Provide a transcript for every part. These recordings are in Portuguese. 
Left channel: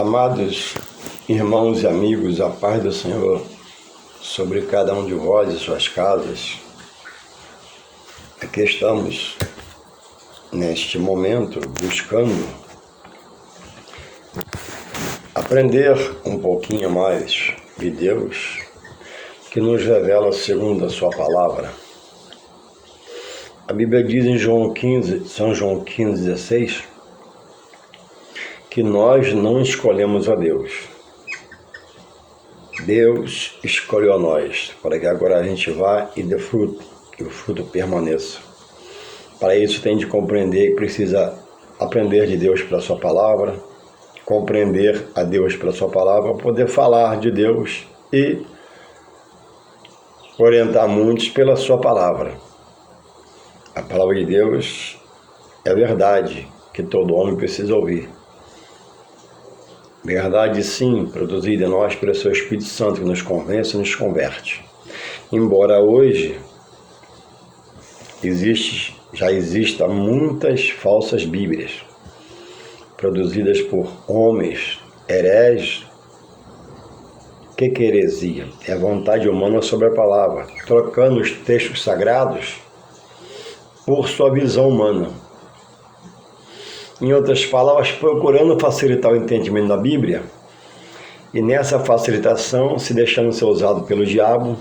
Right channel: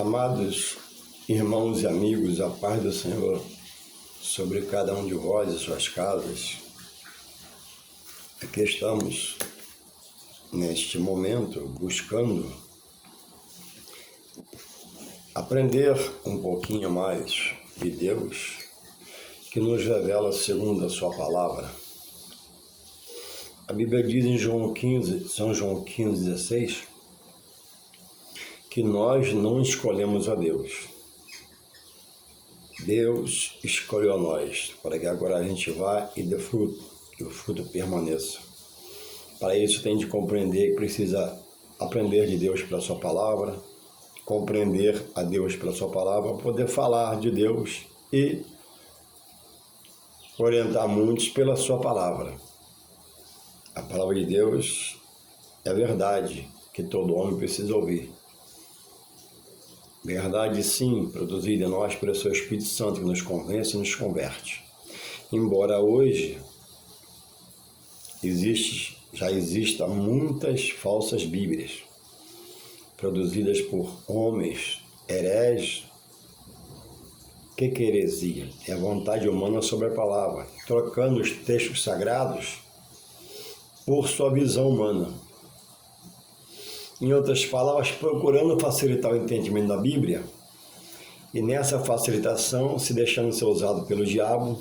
Amados irmãos e amigos, a paz do Senhor sobre cada um de vós e suas casas. Aqui estamos, neste momento, buscando aprender um pouquinho mais de Deus, que nos revela segundo a sua palavra. A Bíblia diz em São João 15,16, que nós não escolhemos a Deus. Deus escolheu a nós, para que agora a gente vá e dê fruto, que o fruto permaneça. Para isso tem de compreender que precisa aprender de Deus pela sua palavra, compreender a Deus pela sua palavra, poder falar de Deus e orientar muitos pela sua palavra. A palavra de Deus é a verdade que todo homem precisa ouvir. Verdade, sim, produzida em nós pelo seu Espírito Santo, que nos convence e nos converte. Embora hoje já existam muitas falsas bíblias, produzidas por homens hereges. Que heresia? É a vontade humana sobre a palavra, trocando os textos sagrados por sua visão humana. Em outras palavras, procurando facilitar o entendimento da Bíblia, e nessa facilitação se deixando ser usado pelo diabo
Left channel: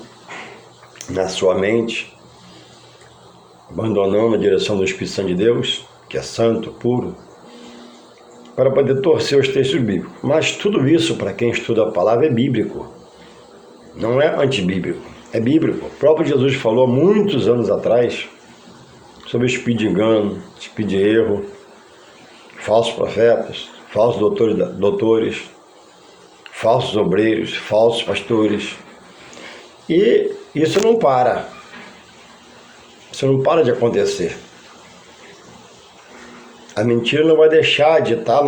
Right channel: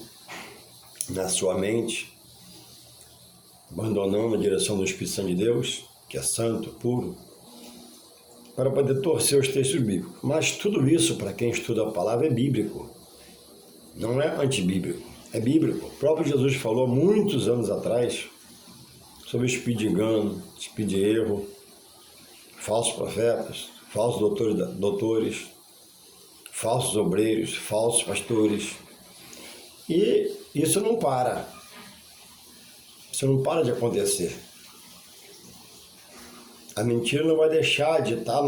na sua mente, abandonando a direção do Espírito Santo de Deus, que é santo, puro, para poder torcer os textos bíblicos. Mas tudo isso, para quem estuda a palavra, é bíblico. Não é antibíblico, é bíblico. O próprio Jesus falou há muitos anos atrás sobre o espírito de engano, espírito de erro, falsos profetas, falsos doutores, falsos obreiros, falsos pastores. E isso não para. Isso não para de acontecer. A mentira não vai deixar de estar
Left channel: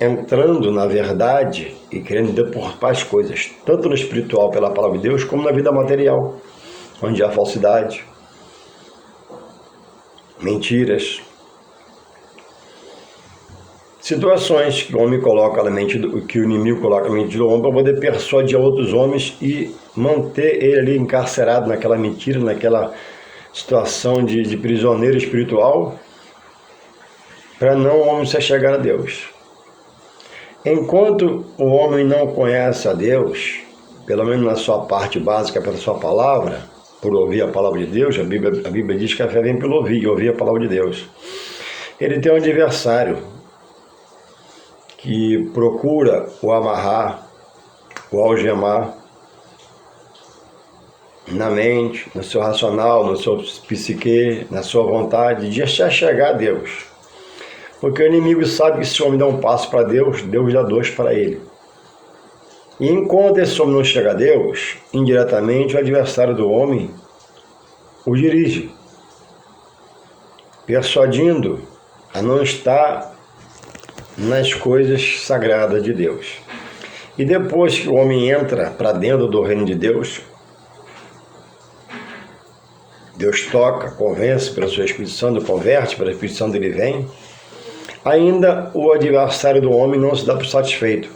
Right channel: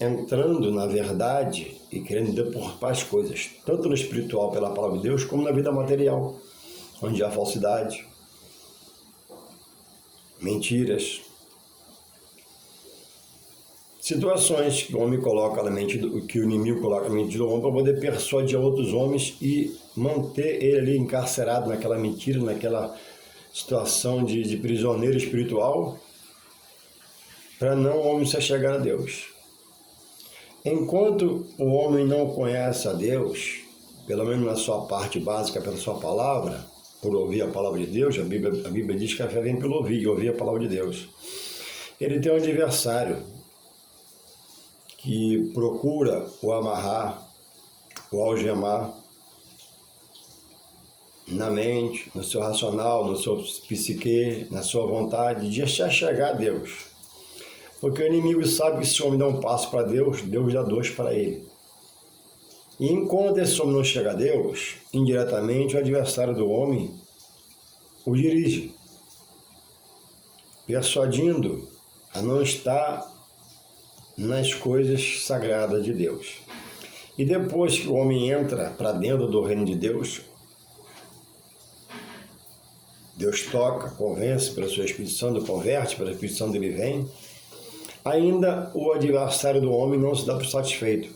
entrando na verdade e querendo deturpar as coisas, tanto no espiritual pela palavra de Deus, como na vida material, onde há falsidade, mentiras, situações que o homem coloca na mente, que o inimigo coloca na mente do homem para poder persuadir outros homens e manter ele ali encarcerado naquela mentira, naquela situação de prisioneiro espiritual, para não o homem se achegar a Deus. Enquanto o homem não conhece a Deus, pelo menos na sua parte básica, pela sua palavra, por ouvir a palavra de Deus, a Bíblia diz que a fé vem pelo ouvir, e ouvir a palavra de Deus. Ele tem um adversário que procura o amarrar, o algemar na mente, no seu racional, no seu psique, na sua vontade de chegar a Deus. Porque o inimigo sabe que se o homem dá um passo para Deus, Deus dá dois para ele. E enquanto esse homem não chega a Deus, indiretamente o adversário do homem o dirige, persuadindo a não estar nas coisas sagradas de Deus. E depois que o homem entra para dentro do reino de Deus, Deus toca, convence pelo seu Espírito Santo, converte, pelo Espírito Santo ele vem, ainda o adversário do homem não se dá por satisfeito.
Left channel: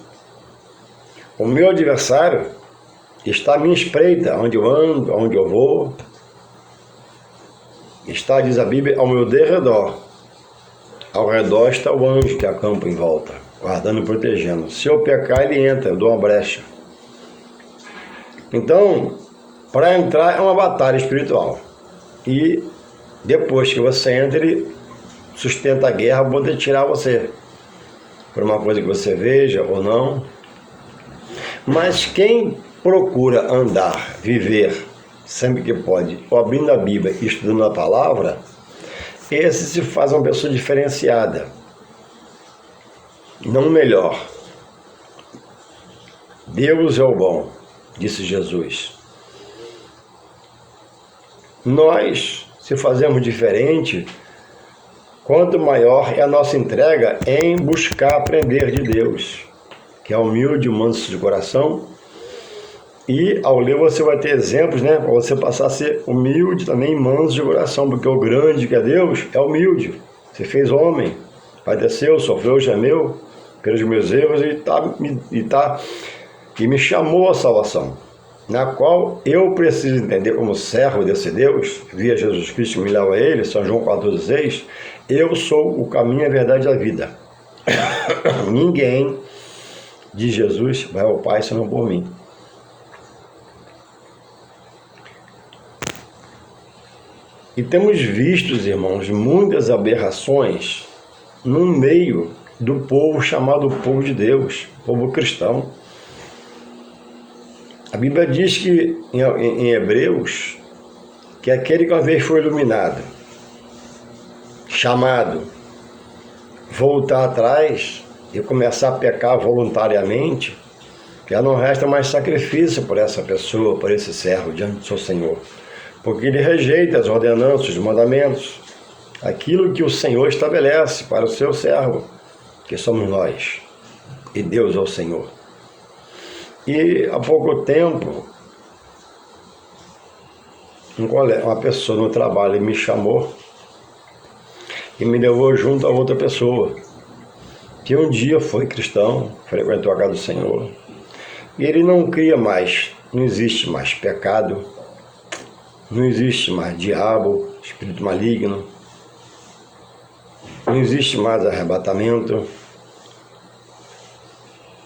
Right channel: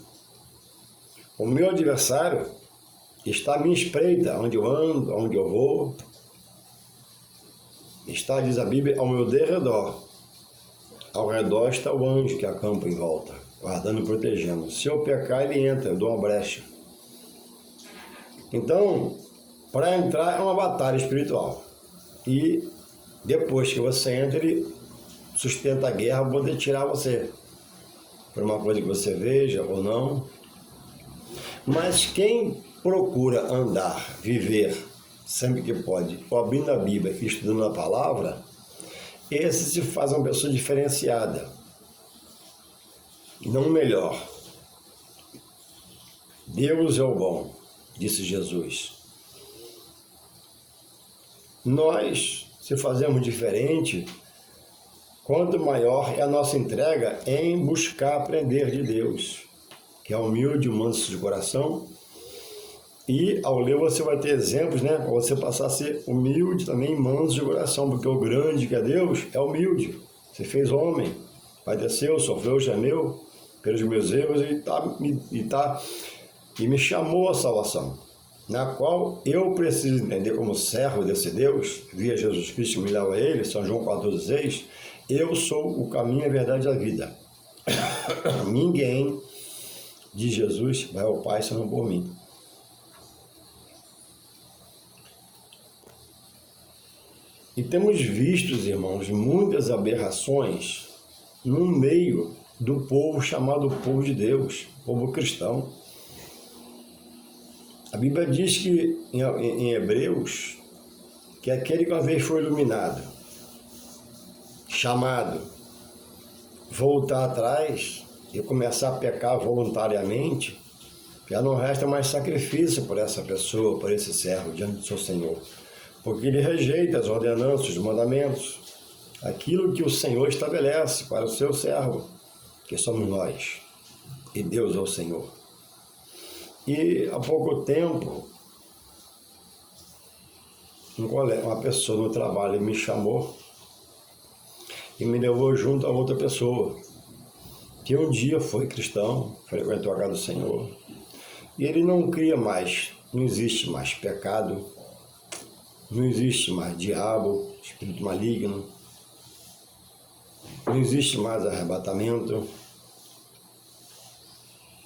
O meu adversário está à minha espreita, onde eu ando, onde eu vou, está, diz a Bíblia, ao meu derredor. Ao redor está o anjo que acampa em volta, guardando e protegendo. Se eu pecar, ele entra, eu dou uma brecha. Então, para entrar é uma batalha espiritual. E depois que você entra, ele sustenta a guerra para poder tirar você. Por uma coisa que você veja ou não. Mas quem procura andar, viver, sempre que pode, abrindo a Bíblia e estudando a palavra, esse se faz uma pessoa diferenciada, não melhor. Deus é o bom, disse Jesus. Nós, se fazemos diferente, quanto maior é a nossa entrega em buscar aprender de Deus, que é humilde, manso de coração. E ao ler você vai ter exemplos, né, para você passar a ser humilde também, manso de coração, porque o grande que é Deus é humilde. Você fez homem, padeceu, sofreu, gemeu, pelos meus erros e me chamou à salvação, na qual eu preciso entender como servo desse Deus, via Jesus Cristo que me leva a Ele, São João 14,6, eu sou o caminho, a verdade e a vida. Ninguém de Jesus vai ao Pai senão por mim. E temos visto, irmãos, muitas aberrações no meio do povo chamado povo de Deus, povo cristão. A Bíblia diz que, em Hebreus, que aquele que uma vez foi iluminado, chamado, voltar atrás e começar a pecar voluntariamente, já não resta mais sacrifício por essa pessoa, por esse servo diante do seu Senhor. Porque ele rejeita as ordenanças, os mandamentos, aquilo que o Senhor estabelece para o seu servo, que somos nós, e Deus é o Senhor. E há pouco tempo, uma pessoa no trabalho me chamou e me levou junto a outra pessoa, que um dia foi cristão, frequentou a casa do Senhor, e ele não cria mais, não existe mais pecado, não existe mais diabo, espírito maligno, não existe mais arrebatamento.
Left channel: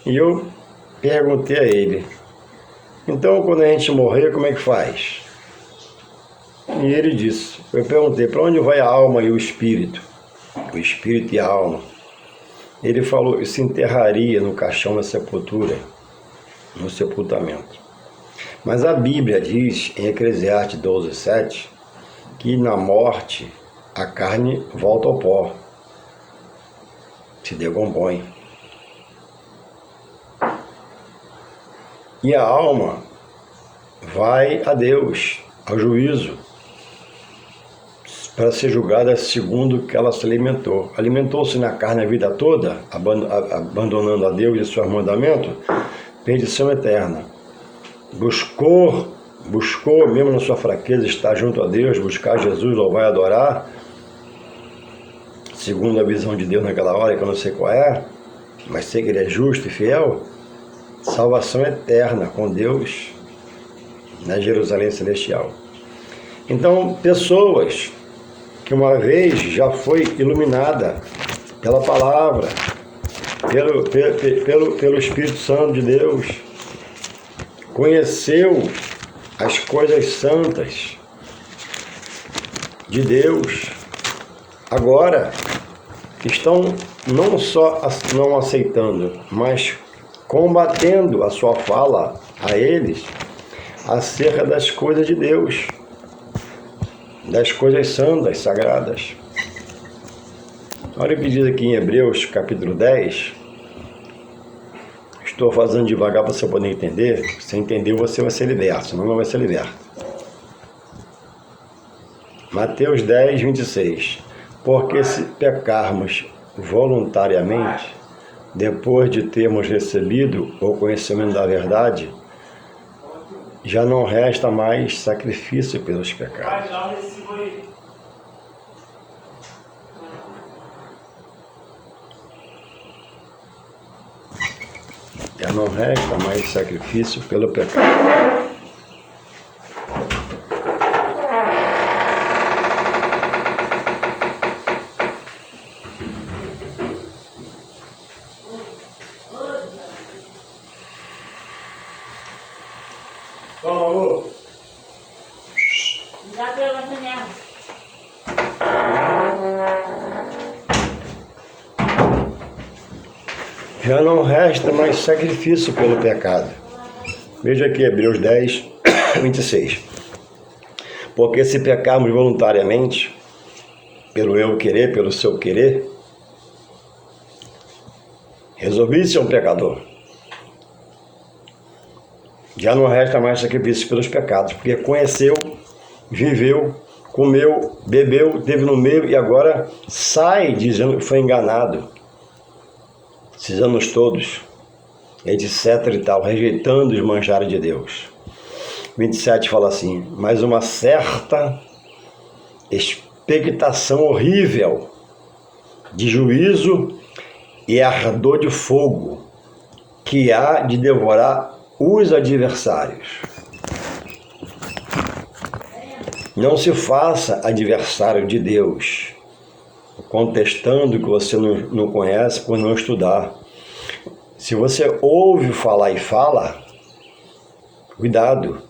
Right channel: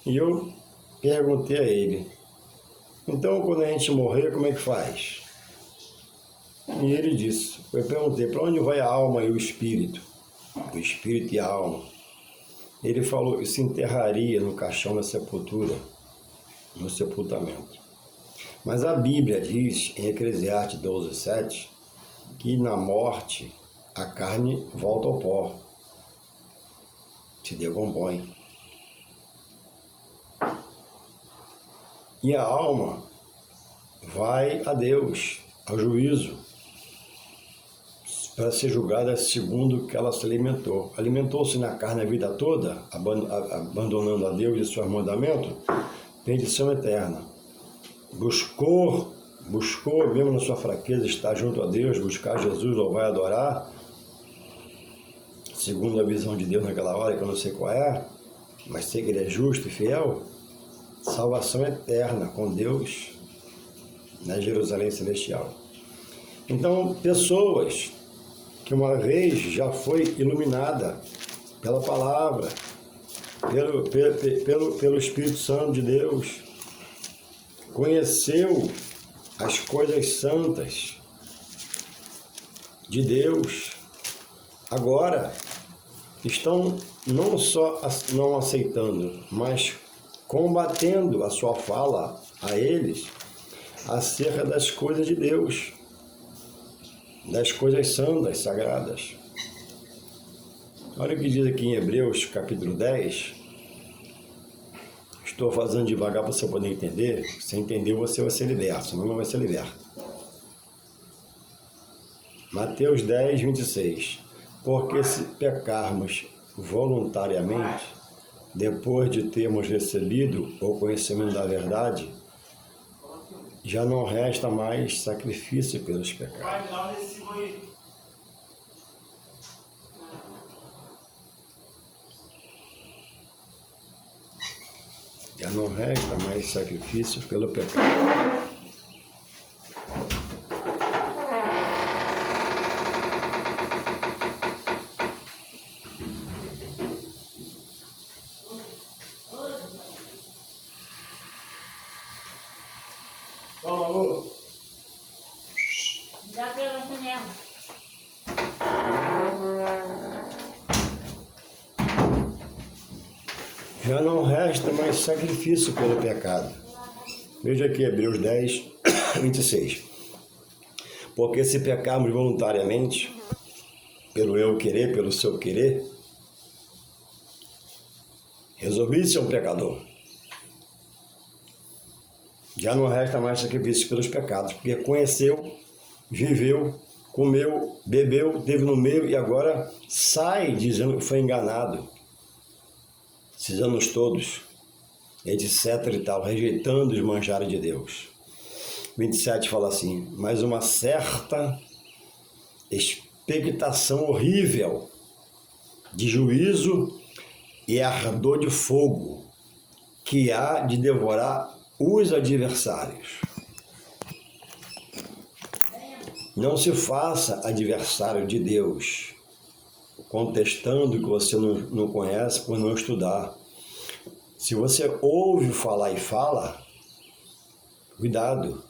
E eu perguntei a ele, então quando a gente morrer, como é que faz? E ele disse, eu perguntei, para onde vai a alma e o espírito? O espírito e a alma. Ele falou que se enterraria no caixão da sepultura, no sepultamento. Mas a Bíblia diz, em Eclesiastes 12:7, que na morte a carne volta ao pó, se decompõe. E a alma vai a Deus, ao juízo, para ser julgada segundo o que ela se alimentou. Alimentou-se na carne a vida toda, abandonando a Deus e seus mandamentos, perdição eterna. Buscou mesmo na sua fraqueza estar junto a Deus, buscar Jesus, louvar e adorar, segundo a visão de Deus naquela hora, que eu não sei qual é, mas sei que Ele é justo e fiel, salvação eterna com Deus na Jerusalém Celestial. Então, pessoas que uma vez já foi iluminada pela palavra, pelo Espírito Santo de Deus, conheceu as coisas santas de Deus, agora estão não só não aceitando, mas combatendo a sua fala a eles acerca das coisas de Deus, das coisas santas, sagradas. Olha o que diz aqui em Hebreus, capítulo 10. Estou fazendo devagar para você poder entender. Se entender, você vai ser liberto, senão não vai ser liberto. Mateus 10, 26. Porque se pecarmos voluntariamente, depois de termos recebido o conhecimento da verdade, já não resta mais sacrifício pelos pecados. Já não resta mais sacrifício pelo pecado. Vamos, amor. Já pela manhã. Já não resta mais sacrifício pelo pecado. Veja aqui, Hebreus 10, 26. Porque se pecarmos voluntariamente, pelo eu querer, pelo seu querer, resolvi ser um pecador. Já não resta mais sacrifício pelos pecados, porque conheceu, viveu, comeu, bebeu, teve no meio e agora sai dizendo que foi enganado. Esses anos todos, etc e tal, rejeitando os manjares de Deus. 27 fala assim, mas uma certa expectação horrível de juízo e ardor de fogo, que há de devorar os adversários. Não se faça adversário de Deus, contestando o que você não conhece por não estudar. Se você ouve falar e fala, cuidado,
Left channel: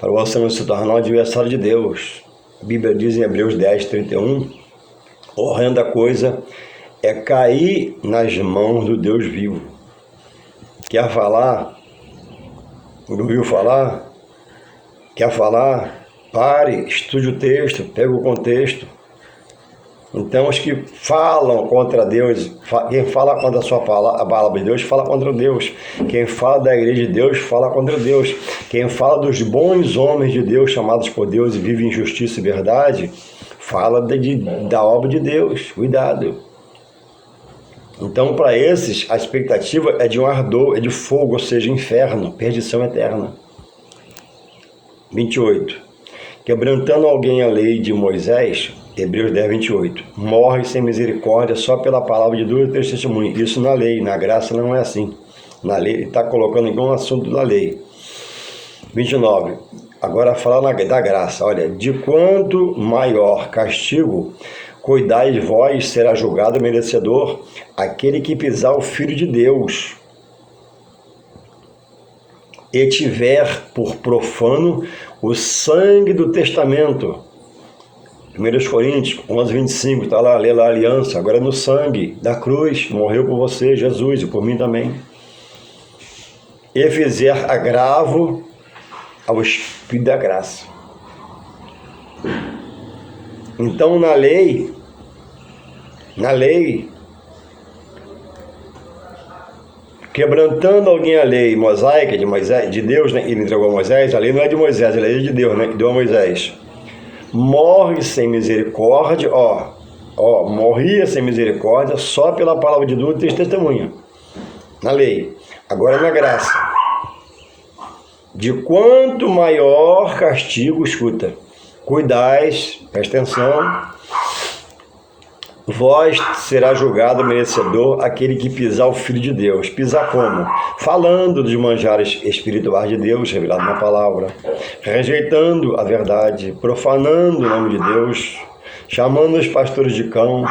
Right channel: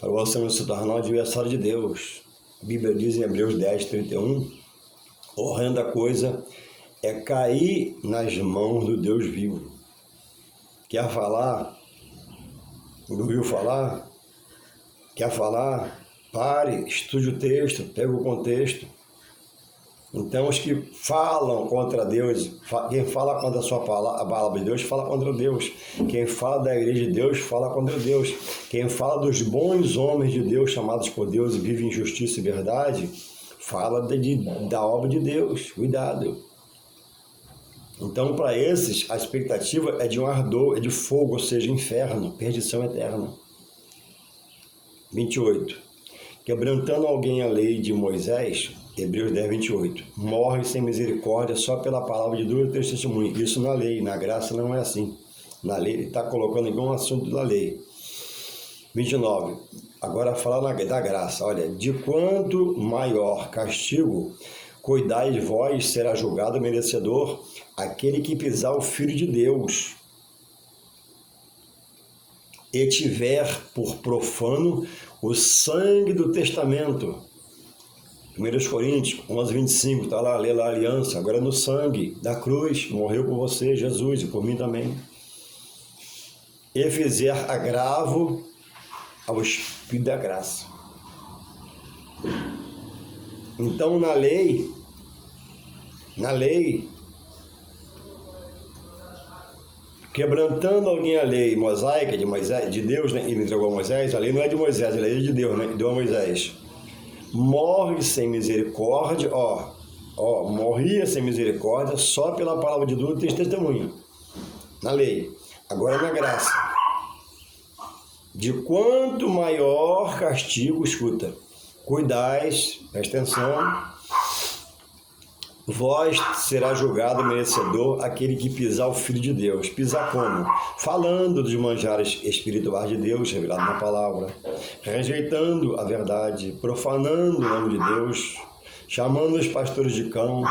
para você não se tornar um adversário de Deus. A Bíblia diz em Hebreus 10:31, horrenda coisa é cair nas mãos do Deus vivo. Quer falar? Não ouviu falar? Quer falar? Pare, estude o texto, pega o contexto. Então, os que falam contra Deus, quem fala contra a palavra de Deus, fala contra Deus. Quem fala da igreja de Deus, fala contra Deus. Quem fala dos bons homens de Deus, chamados por Deus e vivem em justiça e verdade, fala da obra de Deus. Cuidado. Então, para esses, a expectativa é de um ardor, é de fogo, ou seja, inferno, perdição eterna. 28. Quebrantando alguém a lei de Moisés, Hebreus 10:28, morre sem misericórdia só pela palavra de 2 ou 3 testemunhos. Isso na lei, na graça não é assim. Na lei, ele está colocando igual um assunto da lei. 29. Agora fala da graça. Olha, de quanto maior castigo, cuidai vós, será julgado merecedor aquele que pisar o Filho de Deus e tiver por profano o sangue do testamento. 1 Coríntios 11:25, está lá, lê lá a aliança, agora no sangue da cruz, morreu por você, Jesus, e por mim também. E fizer agravo ao Espírito da graça. Então, na lei, quebrantando alguém a lei mosaica de Moisés, de Deus, né? Ele entregou a Moisés, a lei não é de Moisés, a lei é de Deus, né? Que deu a Moisés. Morre sem misericórdia, morria sem misericórdia só pela palavra de 2 ou 3 testemunhas. Na lei. Agora na graça. De quanto maior castigo, escuta, cuidais, presta atenção, vós será julgado merecedor aquele que pisar o Filho de Deus. Pisar como? Falando dos manjares espirituais de Deus, revelado na palavra, rejeitando a verdade, profanando o nome de Deus, chamando os pastores de cão,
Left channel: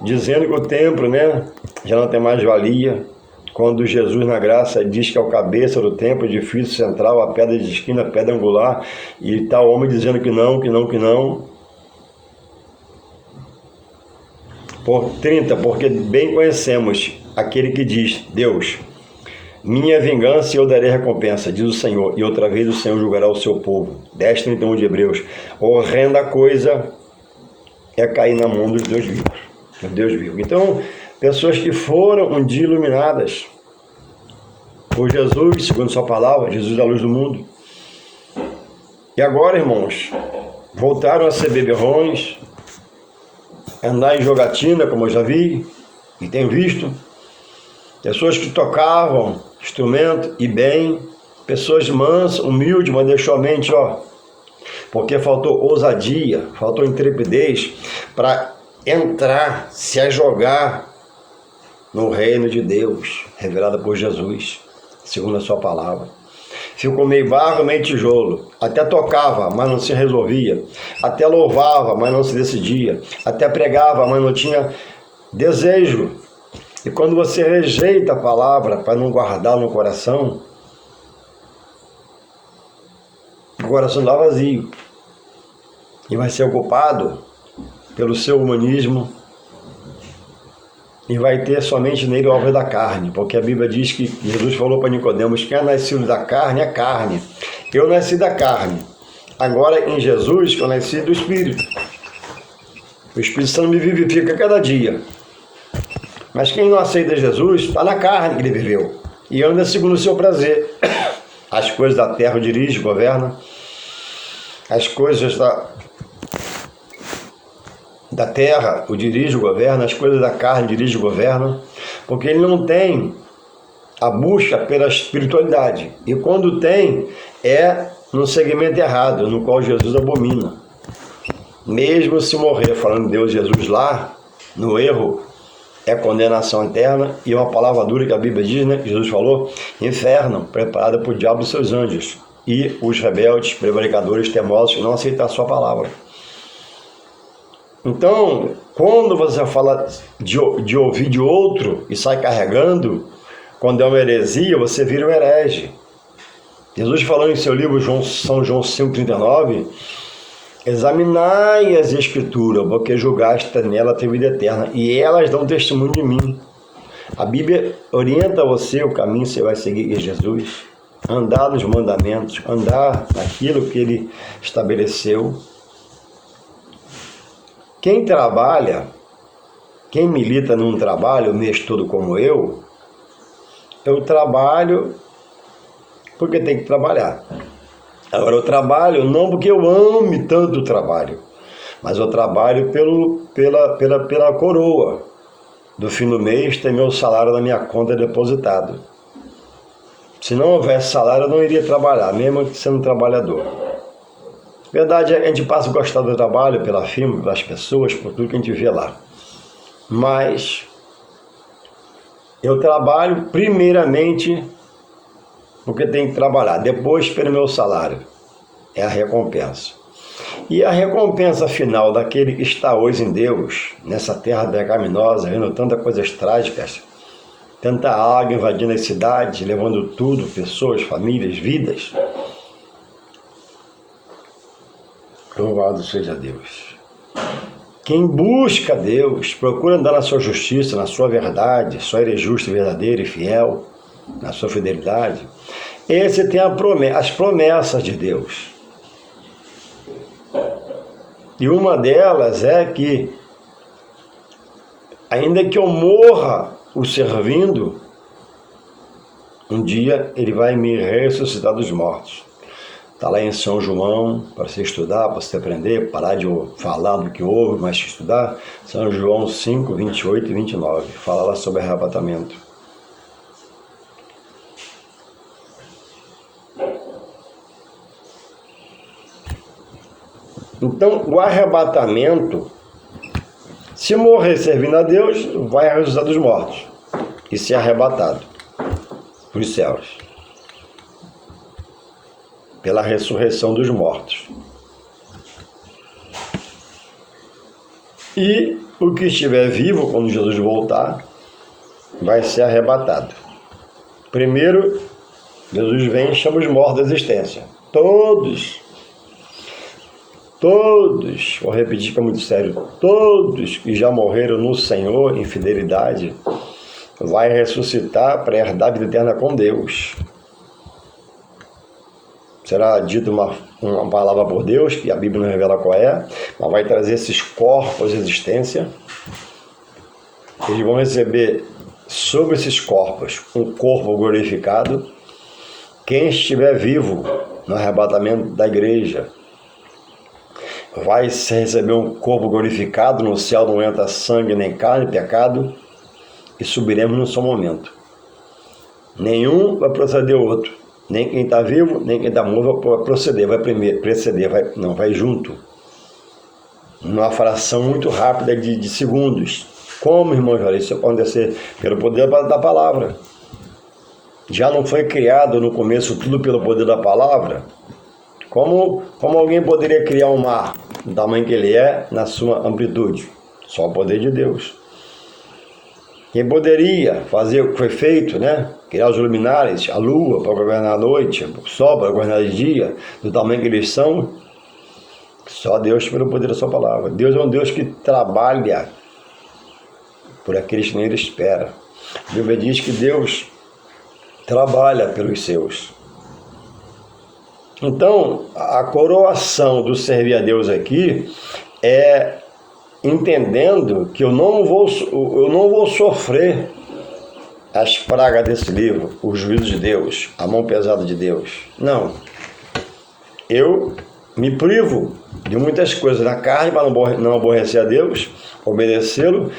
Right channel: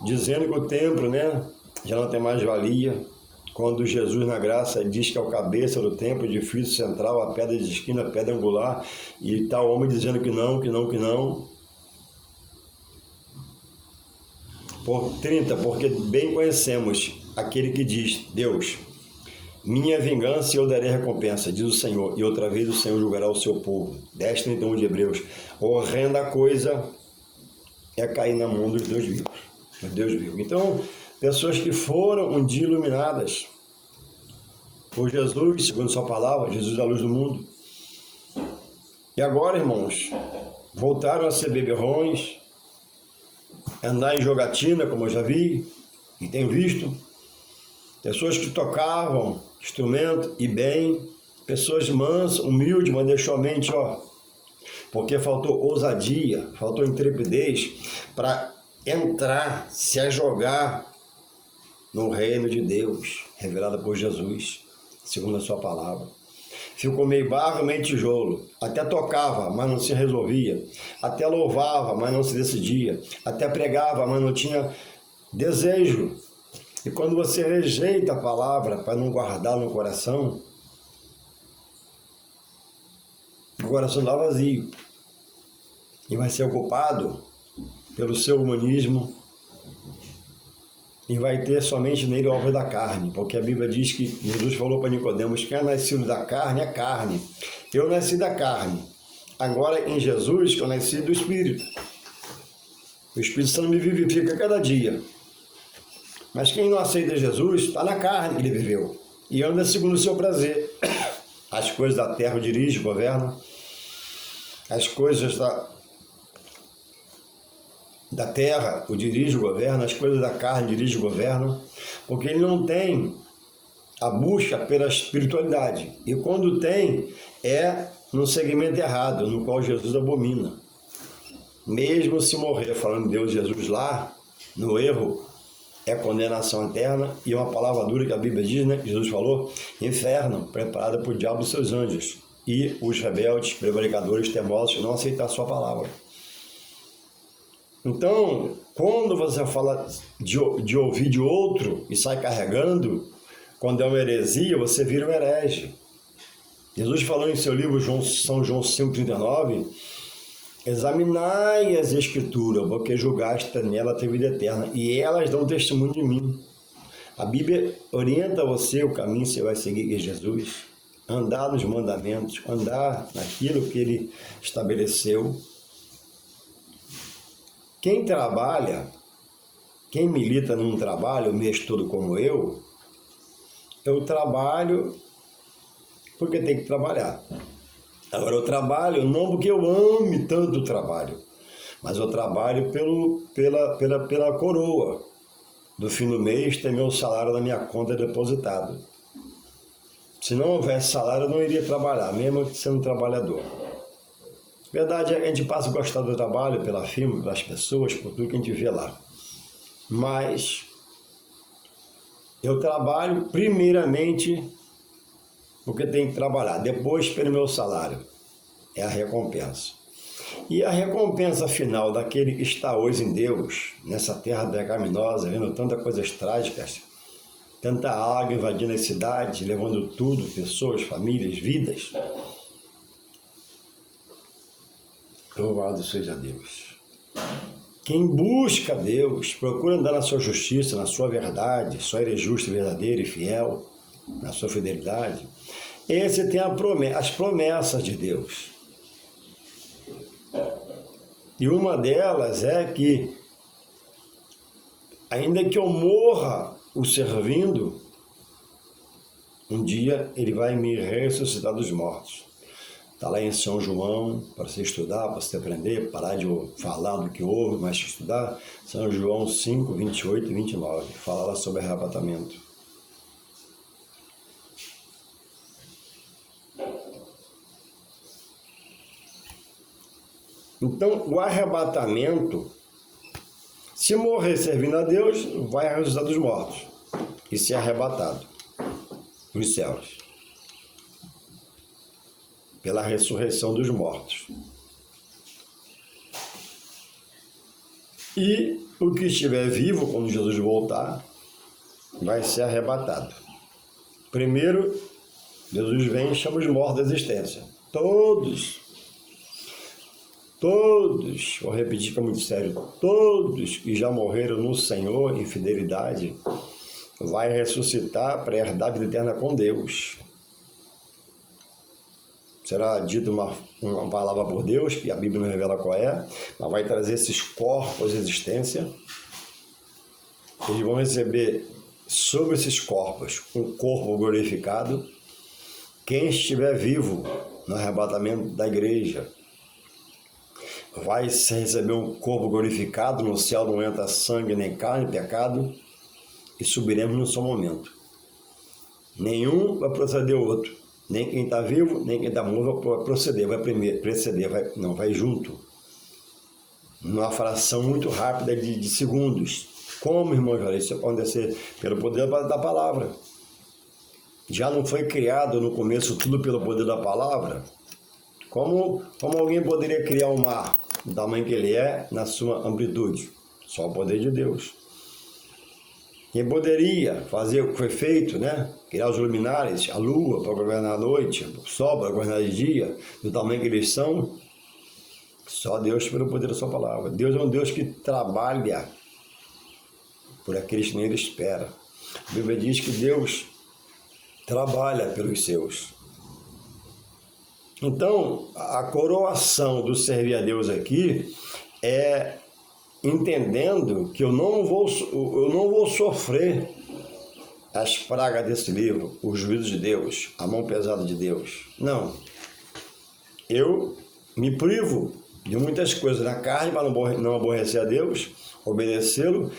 dizendo que o templo, já não tem mais valia, quando Jesus na graça diz que é o cabeça do templo, edifício central, a pedra de esquina, a pedra angular, e está o homem dizendo que não, que não, que não. Por 30, porque bem conhecemos aquele que diz, Deus, minha vingança e eu darei recompensa, diz o Senhor, e outra vez o Senhor julgará o seu povo. 10:31 de Hebreus. Horrenda coisa é cair na mão dos Deus vivos. Deus vivo. Então, pessoas que foram um dia iluminadas por Jesus, segundo sua palavra, Jesus é a luz do mundo. E agora, irmãos, voltaram a ser beberrões, andar em jogatina, como eu já vi e tenho visto, pessoas que tocavam instrumento e bem, pessoas mansas, humildes, mas deixou a mente, porque faltou ousadia, faltou intrepidez para entrar, se jogar no reino de Deus, revelado por Jesus, segundo a sua palavra. Ficou meio barro, meio tijolo. Até tocava, mas não se resolvia. Até louvava, mas não se decidia. Até pregava, mas não tinha desejo. E quando você rejeita a palavra para não guardar no coração, o coração está vazio. E vai ser ocupado pelo seu humanismo e vai ter somente nele obra da carne, porque a Bíblia diz que Jesus falou para Nicodemos, quem é nascido da carne é carne. Eu nasci da carne. Agora em Jesus eu nasci do Espírito. O Espírito Santo me vivifica cada dia. Mas quem não aceita Jesus está na carne que ele viveu e anda segundo o seu prazer. As coisas da terra o dirige, governa. As coisas da terra o dirige, o governa, as coisas da carne dirige, o governa, porque ele não tem a busca pela espiritualidade. E quando tem, é num segmento errado, no qual Jesus abomina. Mesmo se morrer falando de Deus e Jesus lá, no erro, é condenação eterna, e uma palavra dura que a Bíblia diz, né? Jesus falou, inferno, preparado para o diabo e seus anjos, e os rebeldes, prevaricadores, teimosos, que não aceitam a sua palavra. Então, quando você fala de ouvir de outro e sai carregando, quando é uma heresia, você vira um herege. Jesus falou em seu livro São João 5,39, examinai as Escrituras, porque julgaste nela ter vida eterna, e elas dão testemunho de mim. A Bíblia orienta você o caminho que você vai seguir, que é Jesus. Andar nos mandamentos, andar naquilo que Ele estabeleceu. Quem trabalha, quem milita num trabalho o mês todo como eu trabalho porque tem que trabalhar. Agora, eu trabalho não porque eu ame tanto o trabalho, mas eu trabalho pela coroa. Do fim do mês, ter meu salário na minha conta depositado. Se não houvesse salário, eu não iria trabalhar, mesmo sendo trabalhador. Verdade, a gente passa a gostar do trabalho, pela firma, pelas pessoas, por tudo que a gente vê lá. Mas eu trabalho primeiramente porque tenho que trabalhar, depois pelo meu salário. É a recompensa. E a recompensa final daquele que está hoje em Deus, nessa terra pecaminosa, vendo tantas coisas trágicas, tanta água invadindo as cidades, levando tudo, pessoas, famílias, vidas. Louvado seja Deus. Quem busca Deus, procura andar na sua justiça, na sua verdade, só Ele é justo, verdadeiro e fiel, na sua fidelidade, esse tem as promessas de Deus. E uma delas é que, ainda que eu morra o servindo, um dia Ele vai me ressuscitar dos mortos. Está lá em São João, para você estudar, para você aprender, parar de falar do que houve, mas estudar. São João 5, 28 e 29. Fala lá sobre arrebatamento. Então, o arrebatamento, se morrer servindo a Deus, vai ressuscitar dos mortos e ser arrebatado para os céus, pela ressurreição dos mortos. E o que estiver vivo, quando Jesus voltar, vai ser arrebatado. Primeiro, Jesus vem e chama os mortos da existência. Todos, vou repetir que é muito sério, todos que já morreram no Senhor em fidelidade, vai ressuscitar para herdar a vida eterna com Deus. Será dita uma palavra por Deus, que a Bíblia não revela qual é, mas vai trazer esses corpos de existência. Eles vão receber sobre esses corpos um corpo glorificado. Quem estiver vivo no arrebatamento da igreja vai receber um corpo glorificado. No céu não entra sangue, nem carne, pecado, e subiremos no seu momento. Nenhum vai proceder o outro. Nem quem está vivo, nem quem está morto vai proceder, vai preceder, vai junto. Numa fração muito rápida de segundos. Como, irmão Jorge, isso pode acontecer? Pelo poder da palavra. Já não foi criado no começo tudo pelo poder da palavra? Como alguém poderia criar um mar do tamanho que ele é, na sua amplitude? Só o poder de Deus. Quem poderia fazer o que foi feito, né? Criar os luminares, a lua para governar a noite, o sol para governar o dia, do tamanho que eles são? Só Deus pelo poder da sua palavra. Deus é um Deus que trabalha por aqueles que nem Ele espera. A Bíblia diz que Deus trabalha pelos seus. Então, a coroação do servir a Deus aqui é entendendo que eu não vou sofrer as pragas desse livro, o juízo de Deus, a mão pesada de Deus. Não. Eu me privo de muitas coisas na carne para não aborrecer a Deus, obedecê-lo.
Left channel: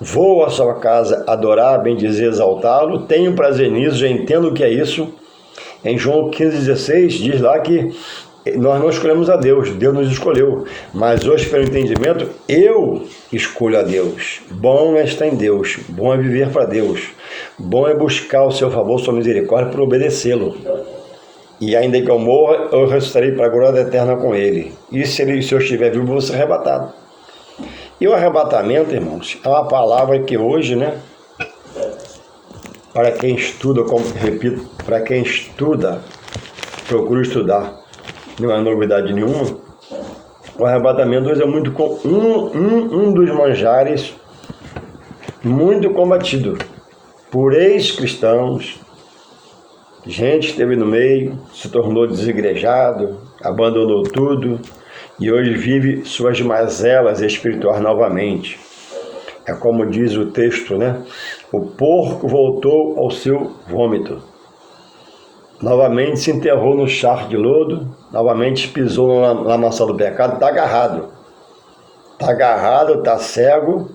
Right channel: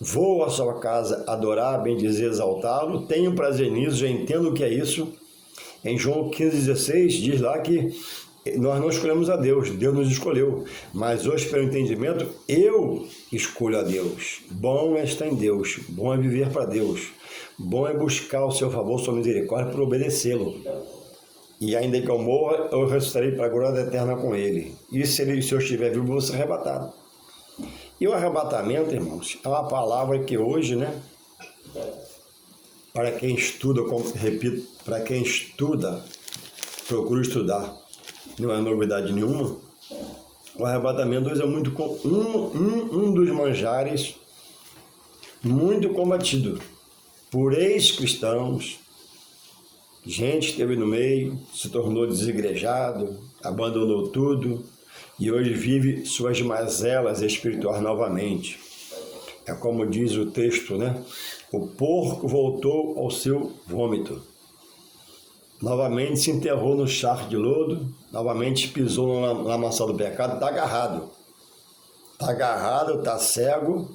Vou à sua casa adorar, bendizer, exaltá-lo. Tenho prazer nisso, já entendo o que é isso. Em João 15,16 diz lá que Nós não escolhemos a Deus, Deus nos escolheu. Mas hoje, pelo entendimento, eu escolho a Deus. Bom é estar em Deus, bom é viver para Deus. Bom é buscar o seu favor, sua misericórdia, para obedecê-lo. E ainda que eu morra, eu ressuscitarei para a glória eterna com ele. E se eu estiver vivo, vou ser arrebatado. E o arrebatamento, irmãos, é uma palavra que hoje, né? Para quem estuda, como repito, para quem estuda, procura estudar, não é novidade nenhuma. O arrebatamento hoje é muito um dos manjares muito combatido por ex-cristãos, gente que esteve no meio, se tornou desigrejado, abandonou tudo e hoje vive suas mazelas espirituais novamente. É como diz o texto, né? O porco voltou ao seu vômito. Novamente se enterrou no charco de lodo, novamente pisou na lamaçal do pecado, está agarrado. Está agarrado, está cego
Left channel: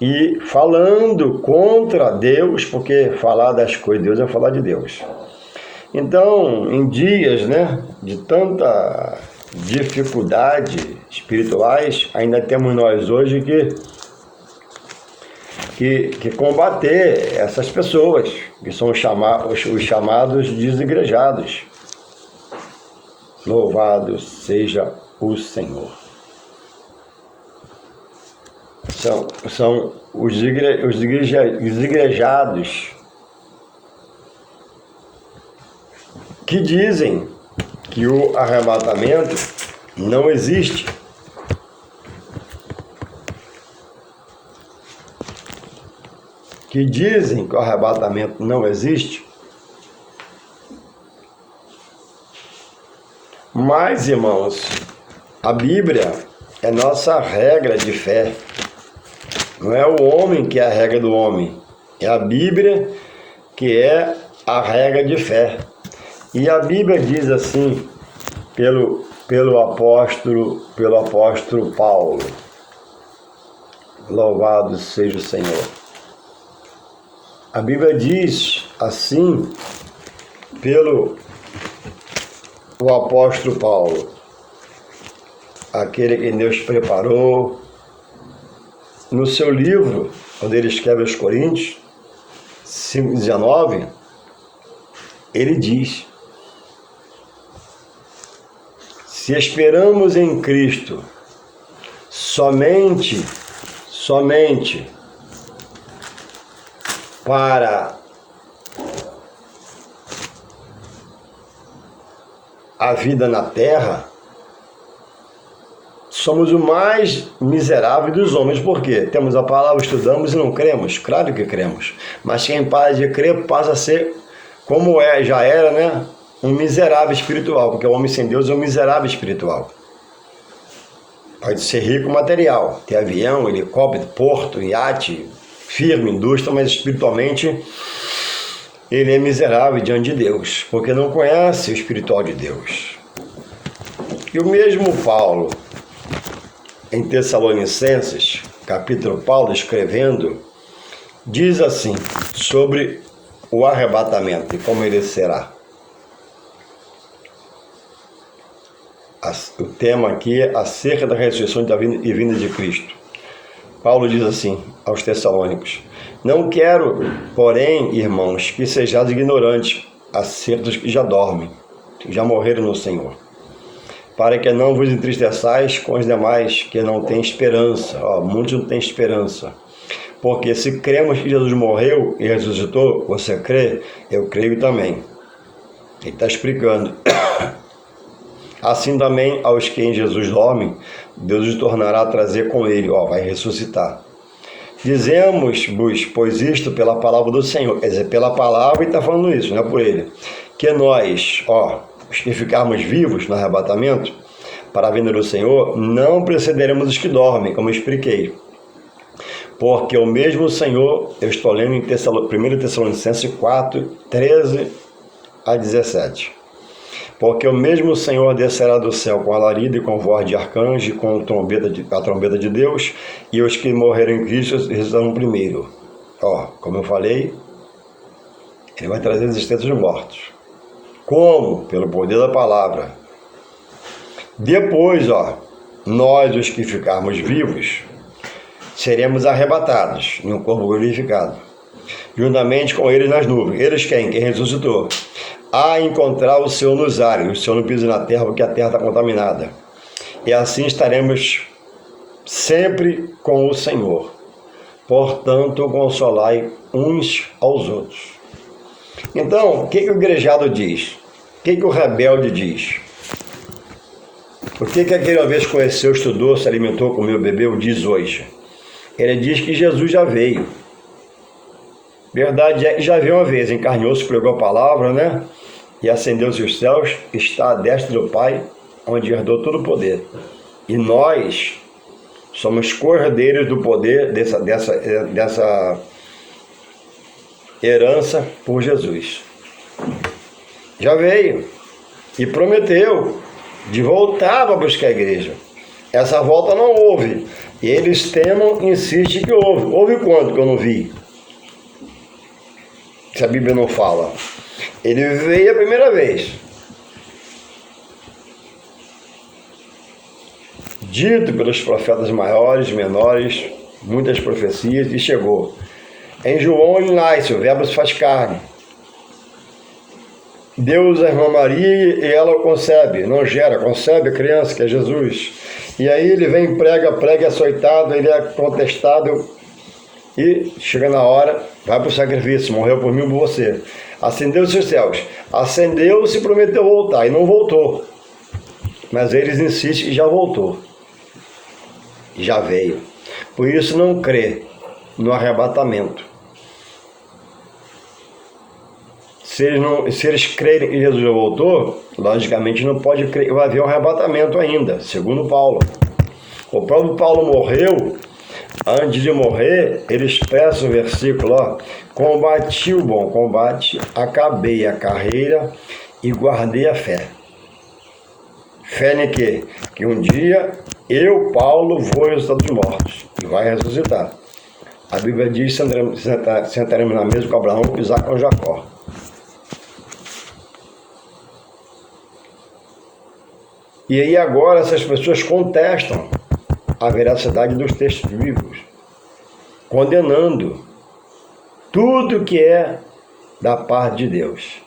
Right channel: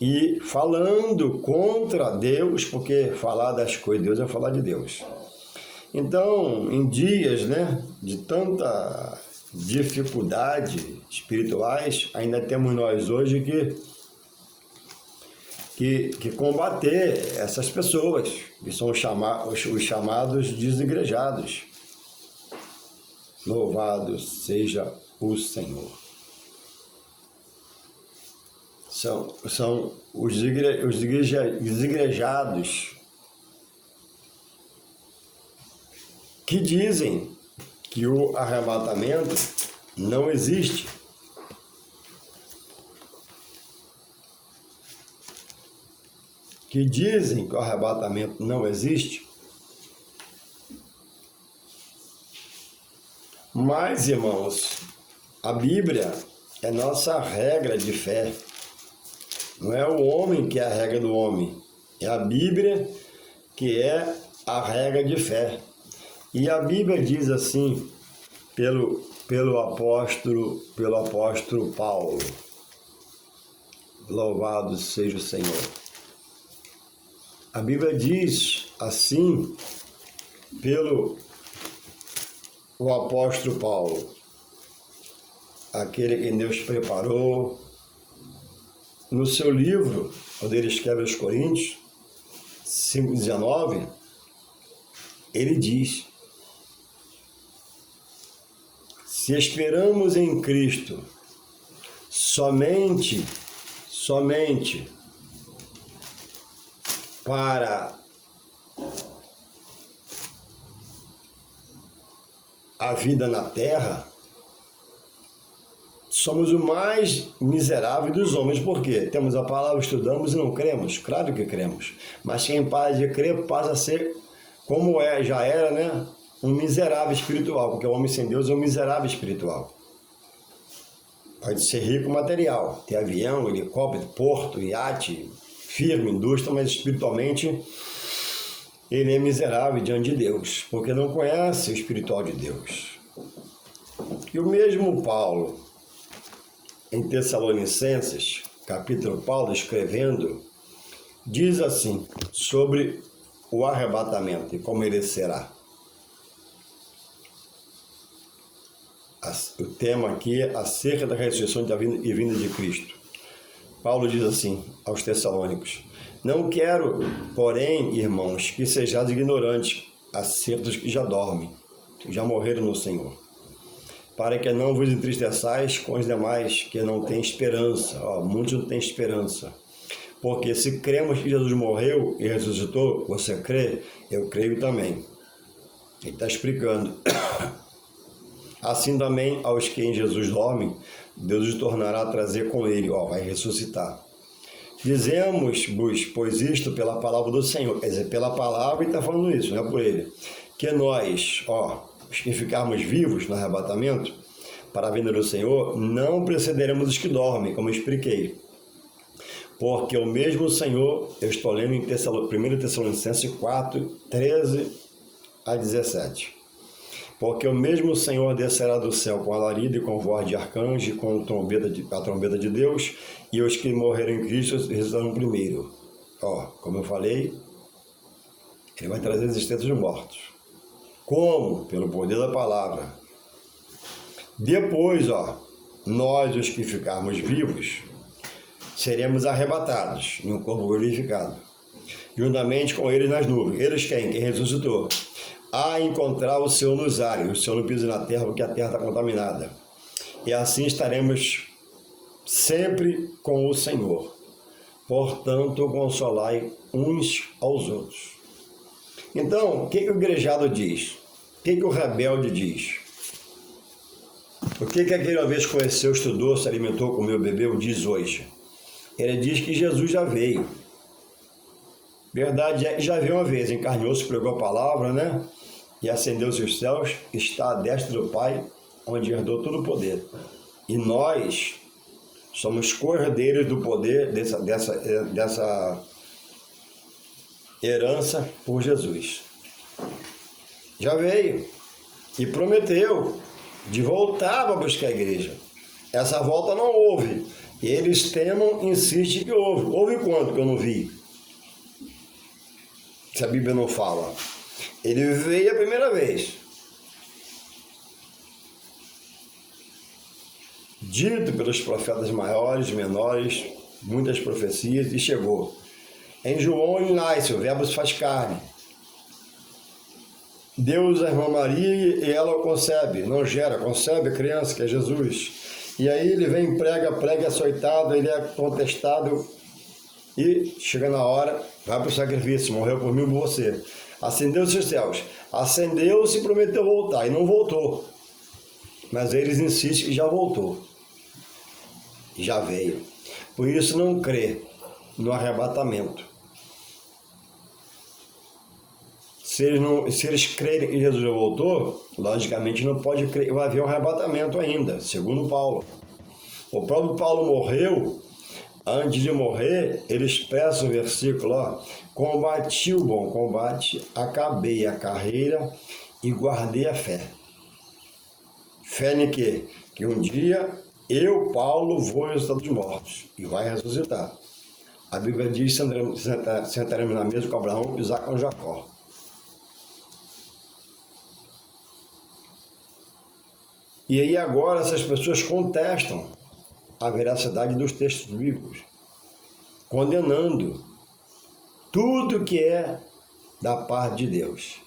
e falando contra Deus, porque falar das coisas de Deus é falar de Deus. Então, em dias, né, de tanta dificuldade espirituais, ainda temos nós hoje que combater essas pessoas, que são os chamados desigrejados. Louvado seja o Senhor. São os desigrejados que dizem que o arrebatamento não existe. Que dizem que o arrebatamento não existe. Mas, irmãos, a Bíblia é nossa regra de fé. Não é o homem que é a regra do homem. É a Bíblia que é a regra de fé. E a Bíblia diz assim, pelo apóstolo Paulo. Louvado seja o Senhor. A Bíblia diz assim, pelo o apóstolo Paulo, aquele que Deus preparou, no seu livro, onde ele escreve aos Coríntios, 5:19, ele diz: se esperamos em Cristo somente para a vida na terra, somos o mais miserável dos homens. Por quê? Temos a palavra, estudamos e não cremos? Claro que cremos. Mas quem para de crer passa a ser, como já era, né? Um miserável espiritual, porque o homem sem Deus é um miserável espiritual. Pode ser rico material, ter avião, helicóptero, porto, iate, firme, indústria, mas espiritualmente ele é miserável diante de Deus, porque não conhece o espiritual de Deus. E o mesmo Paulo, em Tessalonicenses, capítulo Paulo escrevendo, diz assim, sobre o arrebatamento e como ele será. O tema aqui é acerca da ressurreição e vinda de Cristo. Paulo diz assim aos Tessalônicos: não quero, porém, irmãos, que sejais ignorantes acerca dos que já dormem, que já morreram no Senhor, para que não vos entristeçais com os demais que não têm esperança. Muitos não têm esperança. Porque se cremos que Jesus morreu e ressuscitou, você crê? Eu creio também. Ele está explicando. Assim também aos que em Jesus dormem, Deus os tornará a trazer com ele, vai ressuscitar. Dizemos-vos, pois isto pela palavra do Senhor, quer dizer, pela palavra, e está falando isso, não é por ele, que nós, os que ficarmos vivos no arrebatamento, para a vinda do Senhor, não precederemos os que dormem, como eu expliquei. Porque o mesmo Senhor, eu estou lendo em 1 Tessalonicenses 4, 13 a 17. Porque o mesmo Senhor descerá do céu com alarido e com voz de arcanjo, e com a trombeta de Deus, e os que morreram em Cristo ressuscitarão primeiro. Como eu falei, ele vai trazer a existência dos mortos. Como? Pelo poder da palavra. Depois, nós, os que ficarmos vivos, seremos arrebatados em um corpo glorificado, juntamente com eles nas nuvens. Eles quem? Quem ressuscitou. A encontrar o Senhor nos ares, o Senhor não pisa na terra porque a terra está contaminada. E assim estaremos sempre com o Senhor. Portanto, consolai uns aos outros. Então, o que o igrejado diz? O que o rebelde diz? O que aquele vez conheceu, estudou, se alimentou, comeu, bebeu, diz hoje? Ele diz que Jesus já veio. Verdade é que já veio uma vez, encarnou-se, pregou a palavra, né? E ascendeu-se os céus, está à destra do Pai, onde herdou todo o poder. E nós somos cordeiros do poder dessa herança por Jesus. Já veio e prometeu de voltar para buscar a igreja. Essa volta não houve. E eles temam, insistem que houve. Houve quanto que eu não vi? Se a Bíblia não fala. Ele veio a primeira vez. Dito pelos profetas maiores, menores, muitas profecias, e chegou. Em João ele nasce, o verbo se faz carne. Deus a irmã Maria e ela o concebe, não gera, concebe a criança, que é Jesus. E aí ele vem, prega, é açoitado, ele é contestado e chega na hora, vai para o sacrifício, morreu por mim e por você. Acendeu-se os céus, acendeu-se e prometeu voltar, e não voltou. Mas eles insistem e já voltou. Já veio. Por isso não crê no arrebatamento. Se eles crerem que Jesus já voltou, logicamente não pode crer que vai haver um arrebatamento ainda, segundo Paulo. O próprio Paulo morreu, antes de morrer, ele expressa o versículo, combati o bom combate, acabei a carreira e guardei a fé. Fé em quê? Que um dia eu, Paulo, vou ressuscitar dos mortos e vai ressuscitar. A Bíblia diz, sentaremos na mesa com Abraão, com Isaac e com Jacó. E aí agora essas pessoas contestam a veracidade dos textos bíblicos, condenando tudo que é da parte de Deus.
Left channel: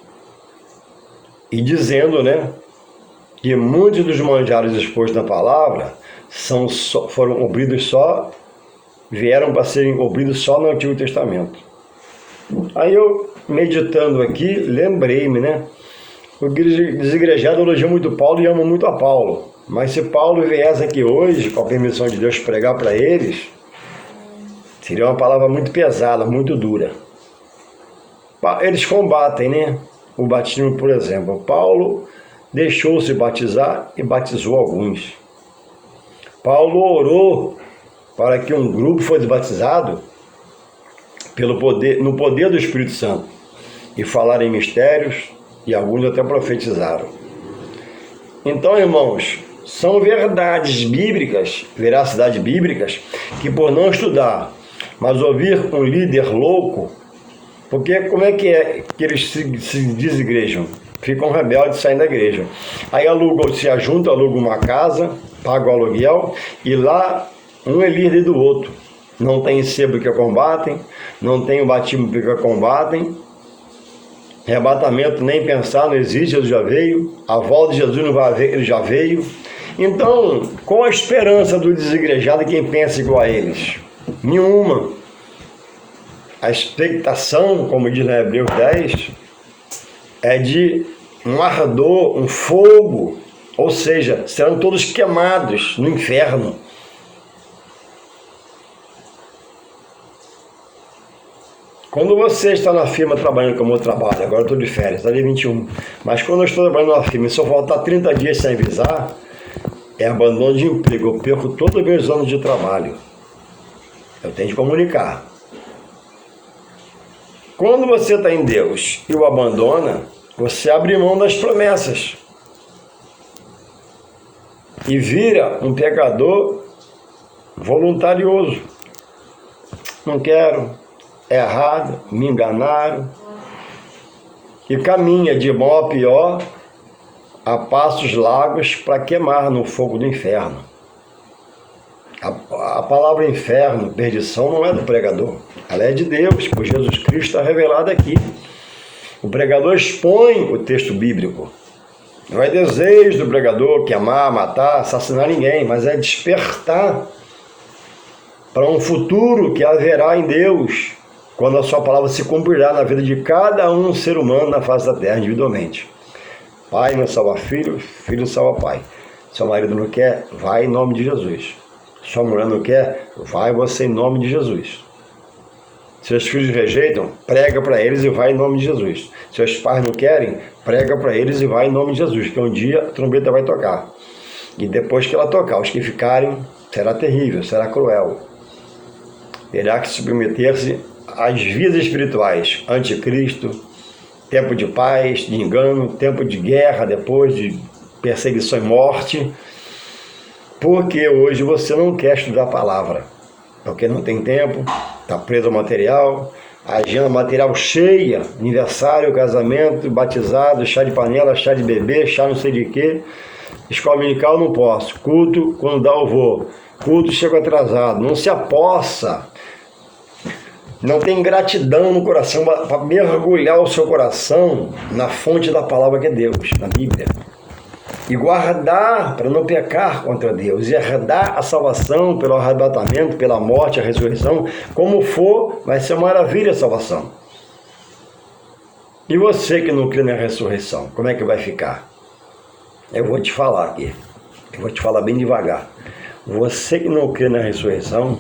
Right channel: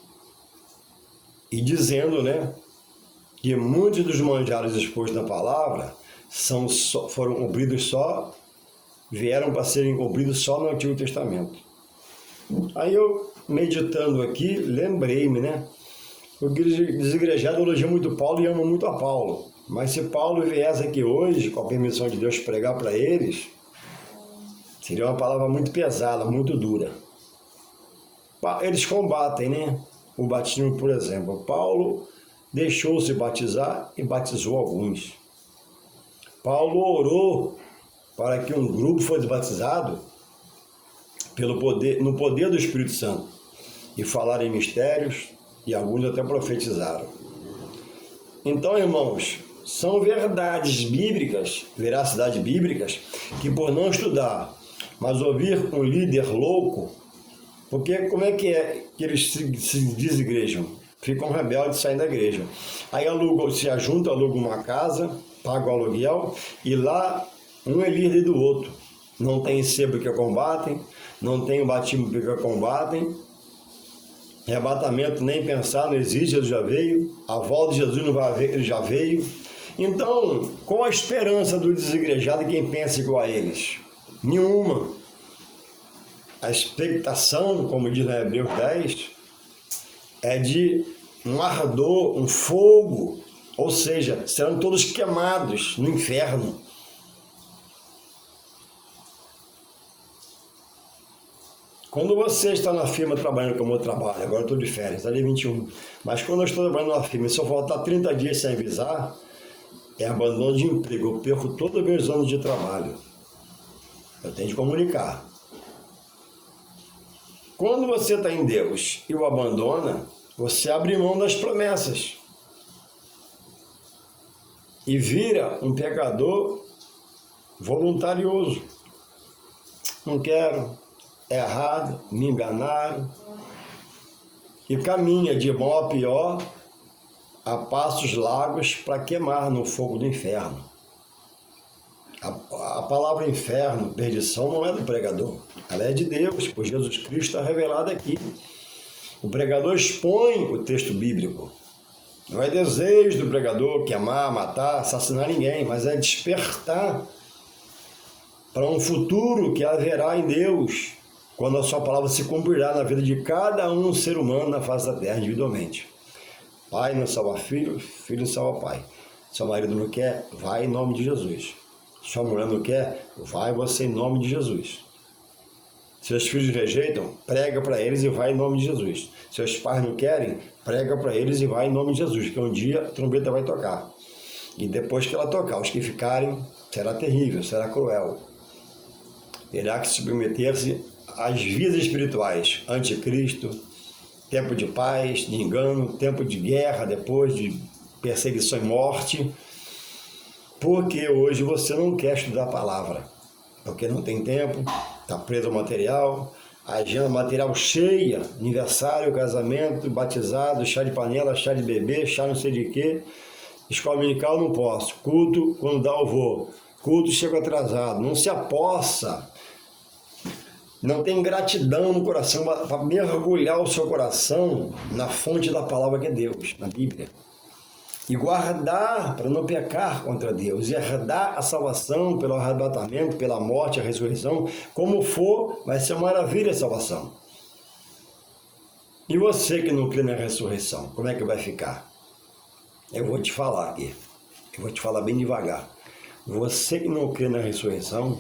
E dizendo, que muitos dos manjares expostos na palavra foram cumpridos vieram para serem cumpridos só no Antigo Testamento. Aí eu, meditando aqui, lembrei-me, o desigrejado elogia muito Paulo e ama muito a Paulo. Mas se Paulo viesse aqui hoje, com a permissão de Deus, pregar para eles, seria uma palavra muito pesada, muito dura. Eles combatem, o batismo, por exemplo. Paulo deixou-se batizar e batizou alguns. Paulo orou para que um grupo fosse batizado no poder do Espírito Santo e falar em mistérios, e alguns até profetizaram. Então, irmãos, são verdades bíblicas, veracidades bíblicas, que por não estudar, mas ouvir um líder louco, porque como é que eles se desigrejam? Ficam rebeldes, saem da igreja. Aí se ajuntam, alugam uma casa, pagam o aluguel, e lá um é líder do outro. Não tem sebo que combatem, não tem o batismo que combatem, arrebatamento nem pensar, não existe, Jesus já veio, a volta de Jesus não vai haver, ele já veio. Então, qual a esperança do desigrejado e quem pensa igual a eles? Nenhuma. A expectação, como diz na Hebreus 10, é de um ardor, um fogo, ou seja, serão todos queimados no inferno. Quando você está na firma trabalhando como eu trabalho, agora eu estou de férias, está dia 21, mas quando eu estou trabalhando na firma e se eu faltar 30 dias sem avisar, é abandono de emprego, eu perco todos os meus anos de trabalho. Eu tenho que comunicar. Quando você está em Deus e o abandona, você abre mão das promessas e vira um pecador voluntarioso. Não quero, é errado, me enganaram, e caminha de mal a pior a passos largos para queimar no fogo do inferno. A palavra inferno, perdição, não é do pregador, ela é de Deus, por Jesus Cristo está revelada aqui. O pregador expõe o texto bíblico. Não é desejo do pregador queimar, matar, assassinar ninguém, mas é despertar para um futuro que haverá em Deus, quando a sua palavra se cumprirá na vida de cada um ser humano na face da terra, individualmente. Pai não salva filho, filho não salva pai. Seu marido não quer, vai em nome de Jesus. Sua mulher não quer, vai você em nome de Jesus. Seus filhos rejeitam, prega para eles e vai em nome de Jesus. Seus pais não querem, prega para eles e vai em nome de Jesus, que um dia a trombeta vai tocar. E depois que ela tocar, os que ficarem, será terrível, será cruel. Terá que submeter-se às vidas espirituais, anticristo, tempo de paz, de engano, tempo de guerra, depois de perseguição e morte, porque hoje você não quer estudar a palavra, porque não tem tempo, está preso ao material, a agenda material cheia, aniversário, casamento, batizado, chá de panela, chá de bebê, chá não sei de quê, escola dominical não posso, culto quando dá eu vou, culto chego atrasado, não se apossa, não tem gratidão no coração para mergulhar o seu coração na fonte da palavra que é Deus, na Bíblia. E guardar para não pecar contra Deus, e herdar a salvação pelo arrebatamento, pela morte, a ressurreição, como for, vai ser uma maravilha a salvação. E você que não crê na ressurreição, como é que vai ficar? Eu vou te falar aqui, eu vou te falar bem devagar. Você que não crê na ressurreição,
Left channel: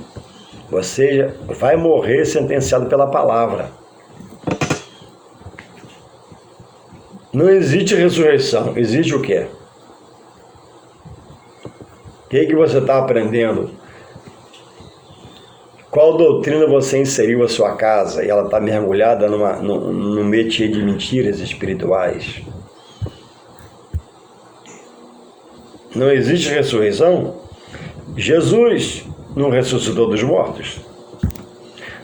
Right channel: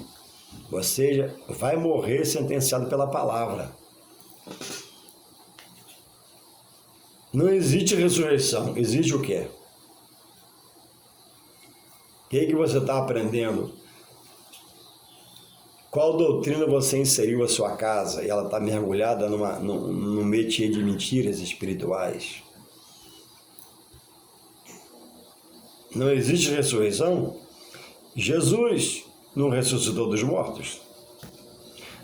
você vai morrer sentenciado pela palavra. Não existe ressurreição, existe o quê? O que você está aprendendo? Qual doutrina você inseriu a sua casa e ela está mergulhada num métier de mentiras espirituais? Não existe ressurreição? Jesus não ressuscitou dos mortos.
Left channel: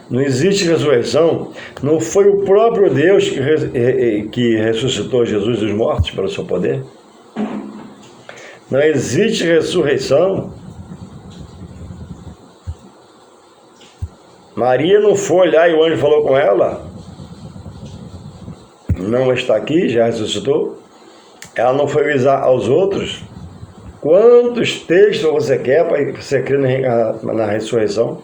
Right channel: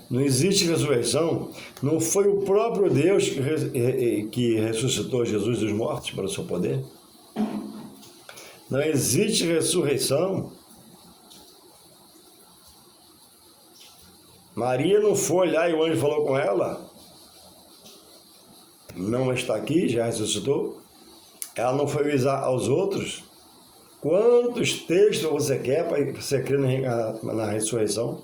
Não existe ressurreição. Não foi o próprio Deus que ressuscitou Jesus dos mortos pelo seu poder? Não existe ressurreição. Maria não foi olhar e o anjo falou com ela. Não está aqui, já ressuscitou. Ela não foi avisar aos outros. Quantos textos você quer para você crer na ressurreição?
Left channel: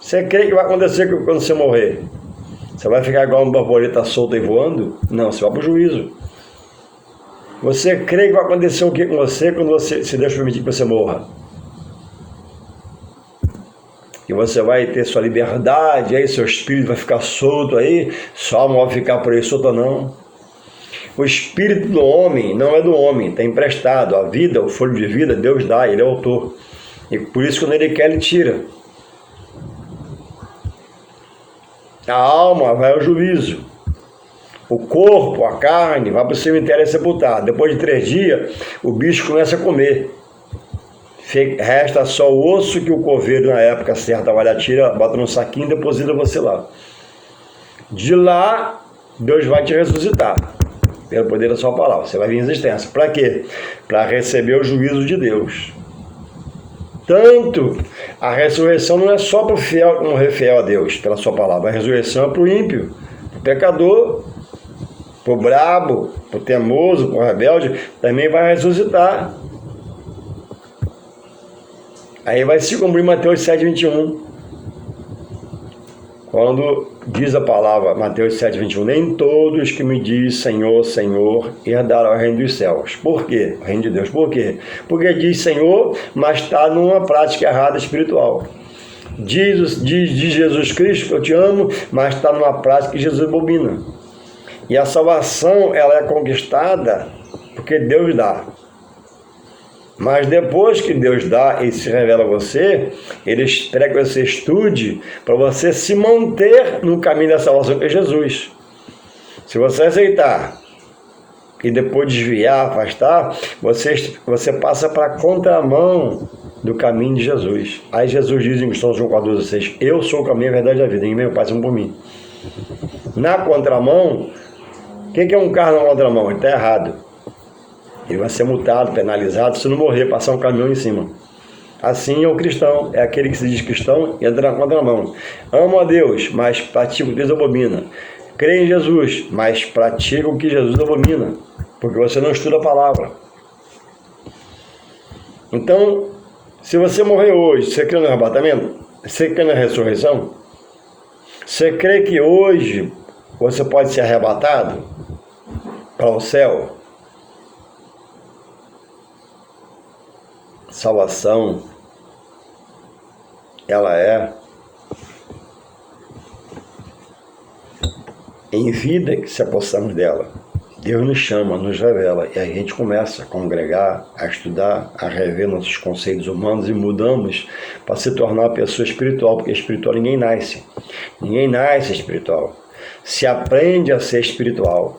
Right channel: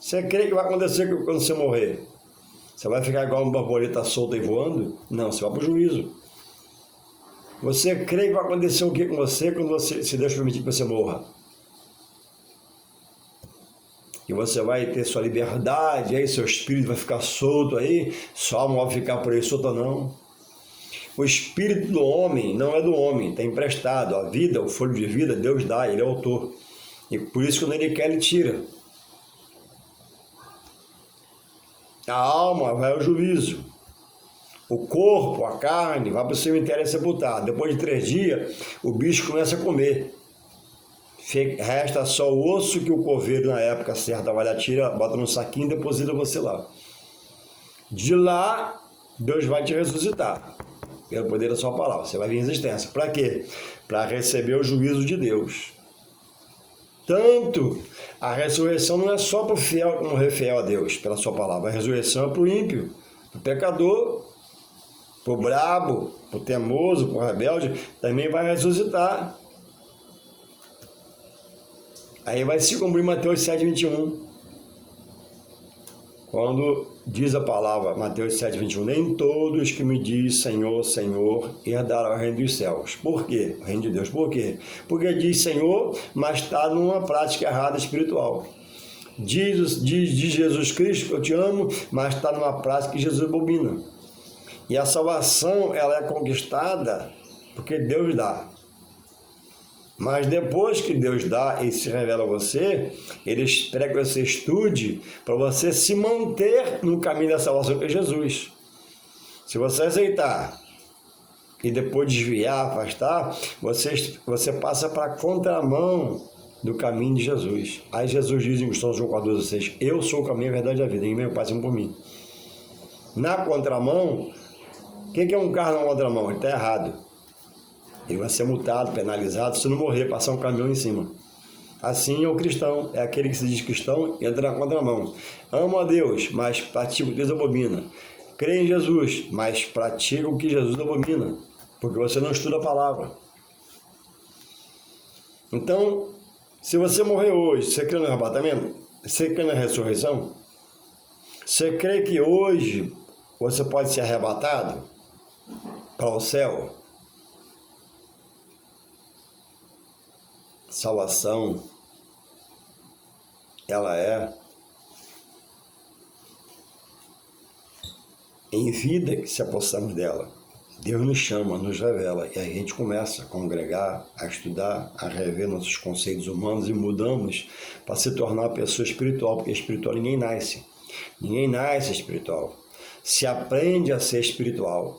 Você crê que vai acontecer quando você morrer? Você vai ficar igual uma borboleta solta e voando? Não, você vai para o juízo. Você crê que vai acontecer o que com você quando se Deus permitir que você morra? Que você vai ter sua liberdade, aí seu espírito vai ficar solto aí, sua alma vai ficar por aí solta, não. O espírito do homem não é do homem, está emprestado. A vida, o fôlego de vida, Deus dá, Ele é o autor. E por isso, quando Ele quer, Ele tira. A alma vai ao juízo. O corpo, a carne, vai para o cemitério sepultar. Depois de 3 dias, o bicho começa a comer. Resta só o osso que o coveiro, na época certa, vai lá, tira, bota no saquinho e deposita você lá. De lá, Deus vai te ressuscitar. Pelo poder da sua palavra. Você vai vir em existência. Para quê? Para receber o juízo de Deus. Tanto, a ressurreição não é só para o fiel morrer fiel a Deus, pela sua palavra. A ressurreição é para o ímpio, para o pecador, para o brabo, para o teimoso, para o rebelde, também vai ressuscitar. Aí vai se cumprir Mateus 7,21. Quando diz a palavra, Mateus 7,21, nem todos que me diz Senhor, Senhor, herdarão o reino dos céus. Por quê? O reino de Deus. Por quê? Porque diz Senhor, mas está numa prática errada espiritual. Diz Jesus Cristo que eu te amo, mas está numa prática que Jesus abomina. E a salvação, ela é conquistada porque Deus dá. Mas depois que Deus dá e se revela a você, Ele espera que você estude para você se manter no caminho da salvação que é Jesus. Se você aceitar e depois desviar, afastar, você passa para a contramão do caminho de Jesus. Aí Jesus diz em João 4,16, eu sou o caminho, a verdade e a vida, ninguém me passa por mim. Na contramão, o que é um carro na contramão? Ele está errado. Ele vai ser multado, penalizado, se não morrer, passar um caminhão em cima. Assim é o cristão, é aquele que se diz cristão e entra na contramão. Ama a Deus, mas pratica o que Deus abomina. Crê em Jesus, mas pratica o que Jesus abomina, porque você não estuda a palavra. Então, se você morrer hoje, você crê no arrebatamento? Você crê na ressurreição? Você crê que hoje você pode ser arrebatado para o céu? Salvação, ela é em vida que se apossamos dela. Deus nos chama, nos revela, e a gente começa a congregar, a estudar, a rever nossos conceitos humanos e mudamos para se tornar uma pessoa espiritual, porque espiritual ninguém nasce. Ninguém nasce espiritual. Se aprende a ser espiritual.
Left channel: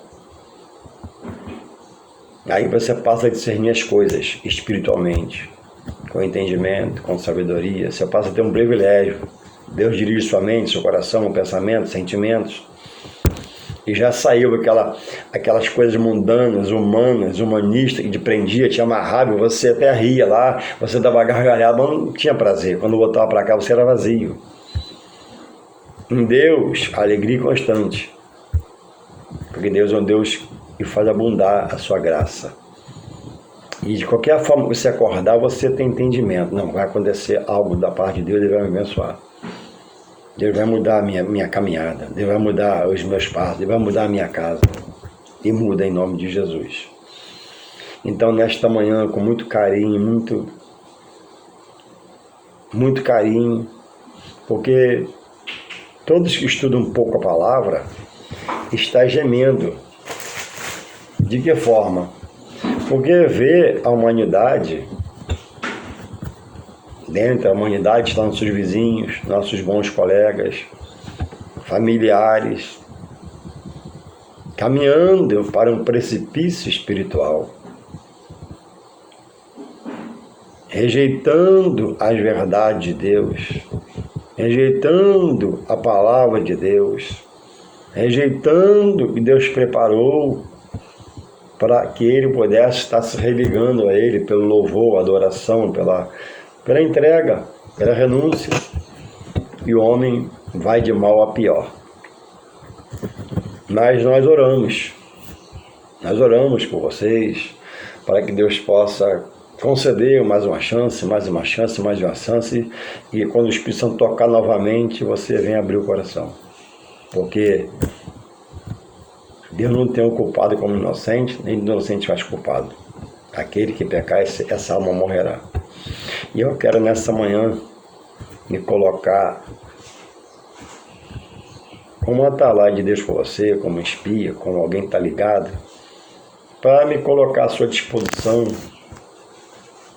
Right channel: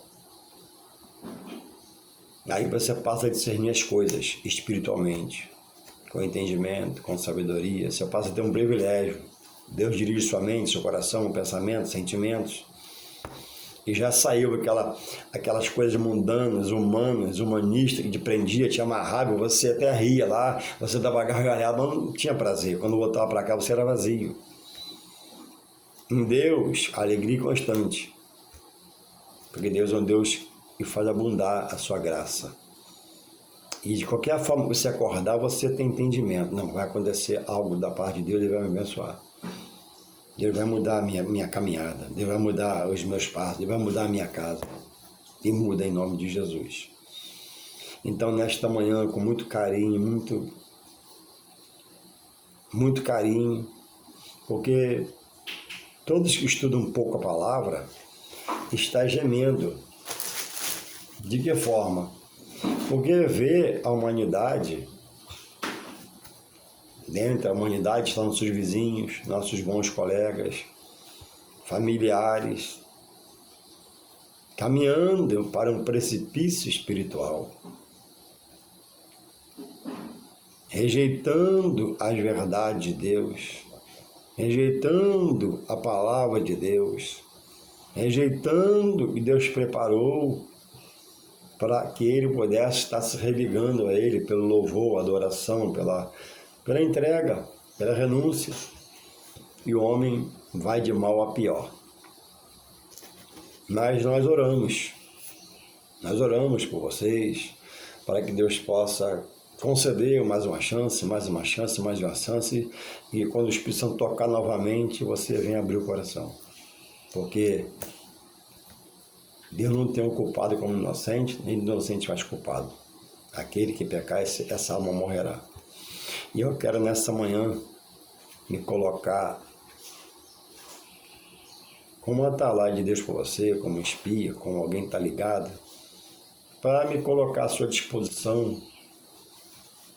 Aí você passa a discernir as coisas espiritualmente, com entendimento, com sabedoria. Você passa a ter um privilégio. Deus dirige sua mente, seu coração, pensamento, sentimentos. E já saiu aquelas coisas mundanas, humanas, humanistas, que te prendia, te amarrava, e você até ria lá, você dava gargalhada, mas não tinha prazer. Quando voltava para cá, você era vazio. Em Deus, alegria constante. Porque Deus é um Deus que faz abundar a sua graça. E de qualquer forma que você acordar, você tem entendimento. Não, vai acontecer algo da parte de Deus, Ele vai me abençoar. Deus vai mudar a minha caminhada, Deus vai mudar os meus passos, Deus vai mudar a minha casa. E muda em nome de Jesus. Então, nesta manhã, com muito carinho, muito carinho, porque todos que estudam um pouco a palavra estão gemendo. De que forma? Porque vê a humanidade, dentro da humanidade estão nossos vizinhos, nossos bons colegas, familiares, caminhando para um precipício espiritual, rejeitando as verdades de Deus, rejeitando a palavra de Deus, rejeitando o que Deus preparou para que ele pudesse estar se religando a Ele pelo louvor, adoração, pela entrega, pela renúncia. E o homem vai de mal a pior. Mas nós oramos por vocês, para que Deus possa conceder mais uma chance, mais uma chance, mais uma chance, e quando o Espírito Santo tocar novamente, você venha abrir o coração. Porque Deus não tem o culpado como inocente, nem o inocente faz culpado. Aquele que pecar, essa alma morrerá. E eu quero nessa manhã me colocar como atalaia de Deus por você, como espia, como alguém que está ligado, para me colocar à sua disposição.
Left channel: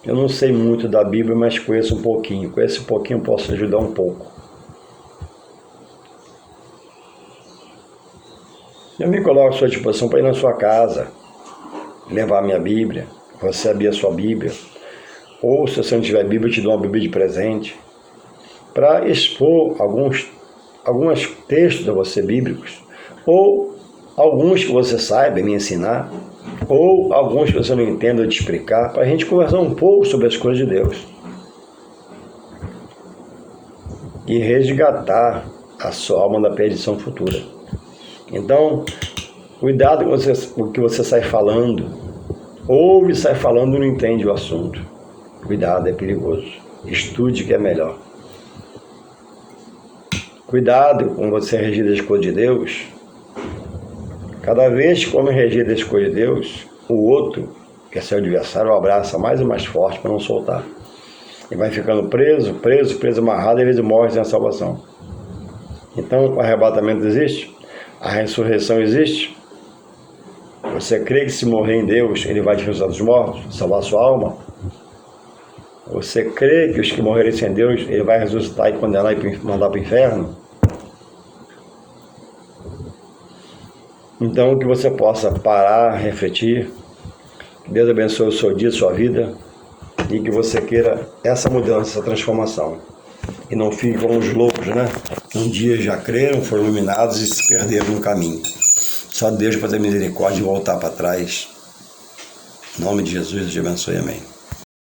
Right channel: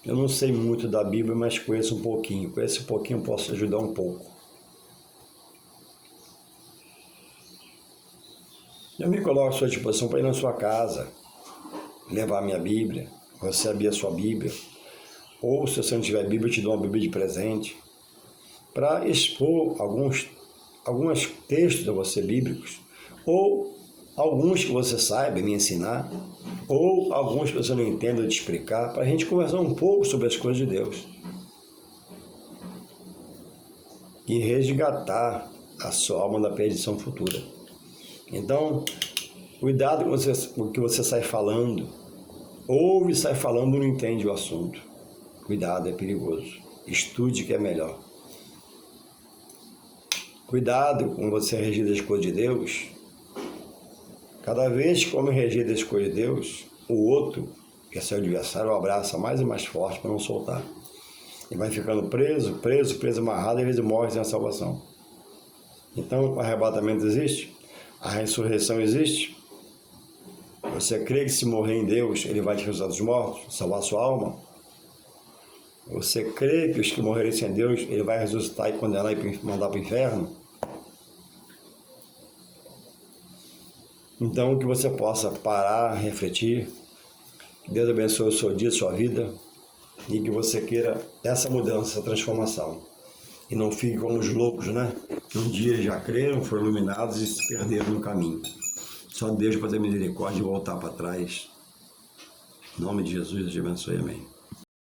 Eu não sei muito da Bíblia, mas conheço um pouquinho. Conheço um pouquinho, posso ajudar um pouco. Eu me coloco à sua disposição para ir na sua casa, levar a minha Bíblia, você abrir a sua Bíblia, ou se você não tiver Bíblia, eu te dou uma Bíblia de presente, para expor alguns textos a você bíblicos, ou alguns que você saiba me ensinar, ou alguns que você não entenda eu te explicar, para a gente conversar um pouco sobre as coisas de Deus e resgatar a sua alma da perdição futura. Então, cuidado com o que você sai falando. Ouve e sai falando e não entende o assunto. Cuidado, é perigoso. Estude que é melhor. Cuidado com você regir das coisas de Deus. Cada vez que come regir das coisas de Deus, o outro, que é seu adversário, o abraça mais e mais forte para não soltar. E vai ficando preso, amarrado, e às vezes morre sem a salvação. Então, o arrebatamento existe? A ressurreição existe? Você crê que se morrer em Deus, Ele vai te ressuscitar dos mortos, salvar sua alma? Você crê que os que morrerem sem Deus, Ele vai ressuscitar e condenar e mandar para o inferno? Então, que você possa parar, refletir, que Deus abençoe o seu dia, a sua vida, e que você queira essa mudança, essa transformação. E não fique como os loucos, né? Um dia já creram, foram iluminados e se perderam no caminho. Só Deus pode ter misericórdia e voltar para trás. Em nome de Jesus, eu te abençoe. Amém.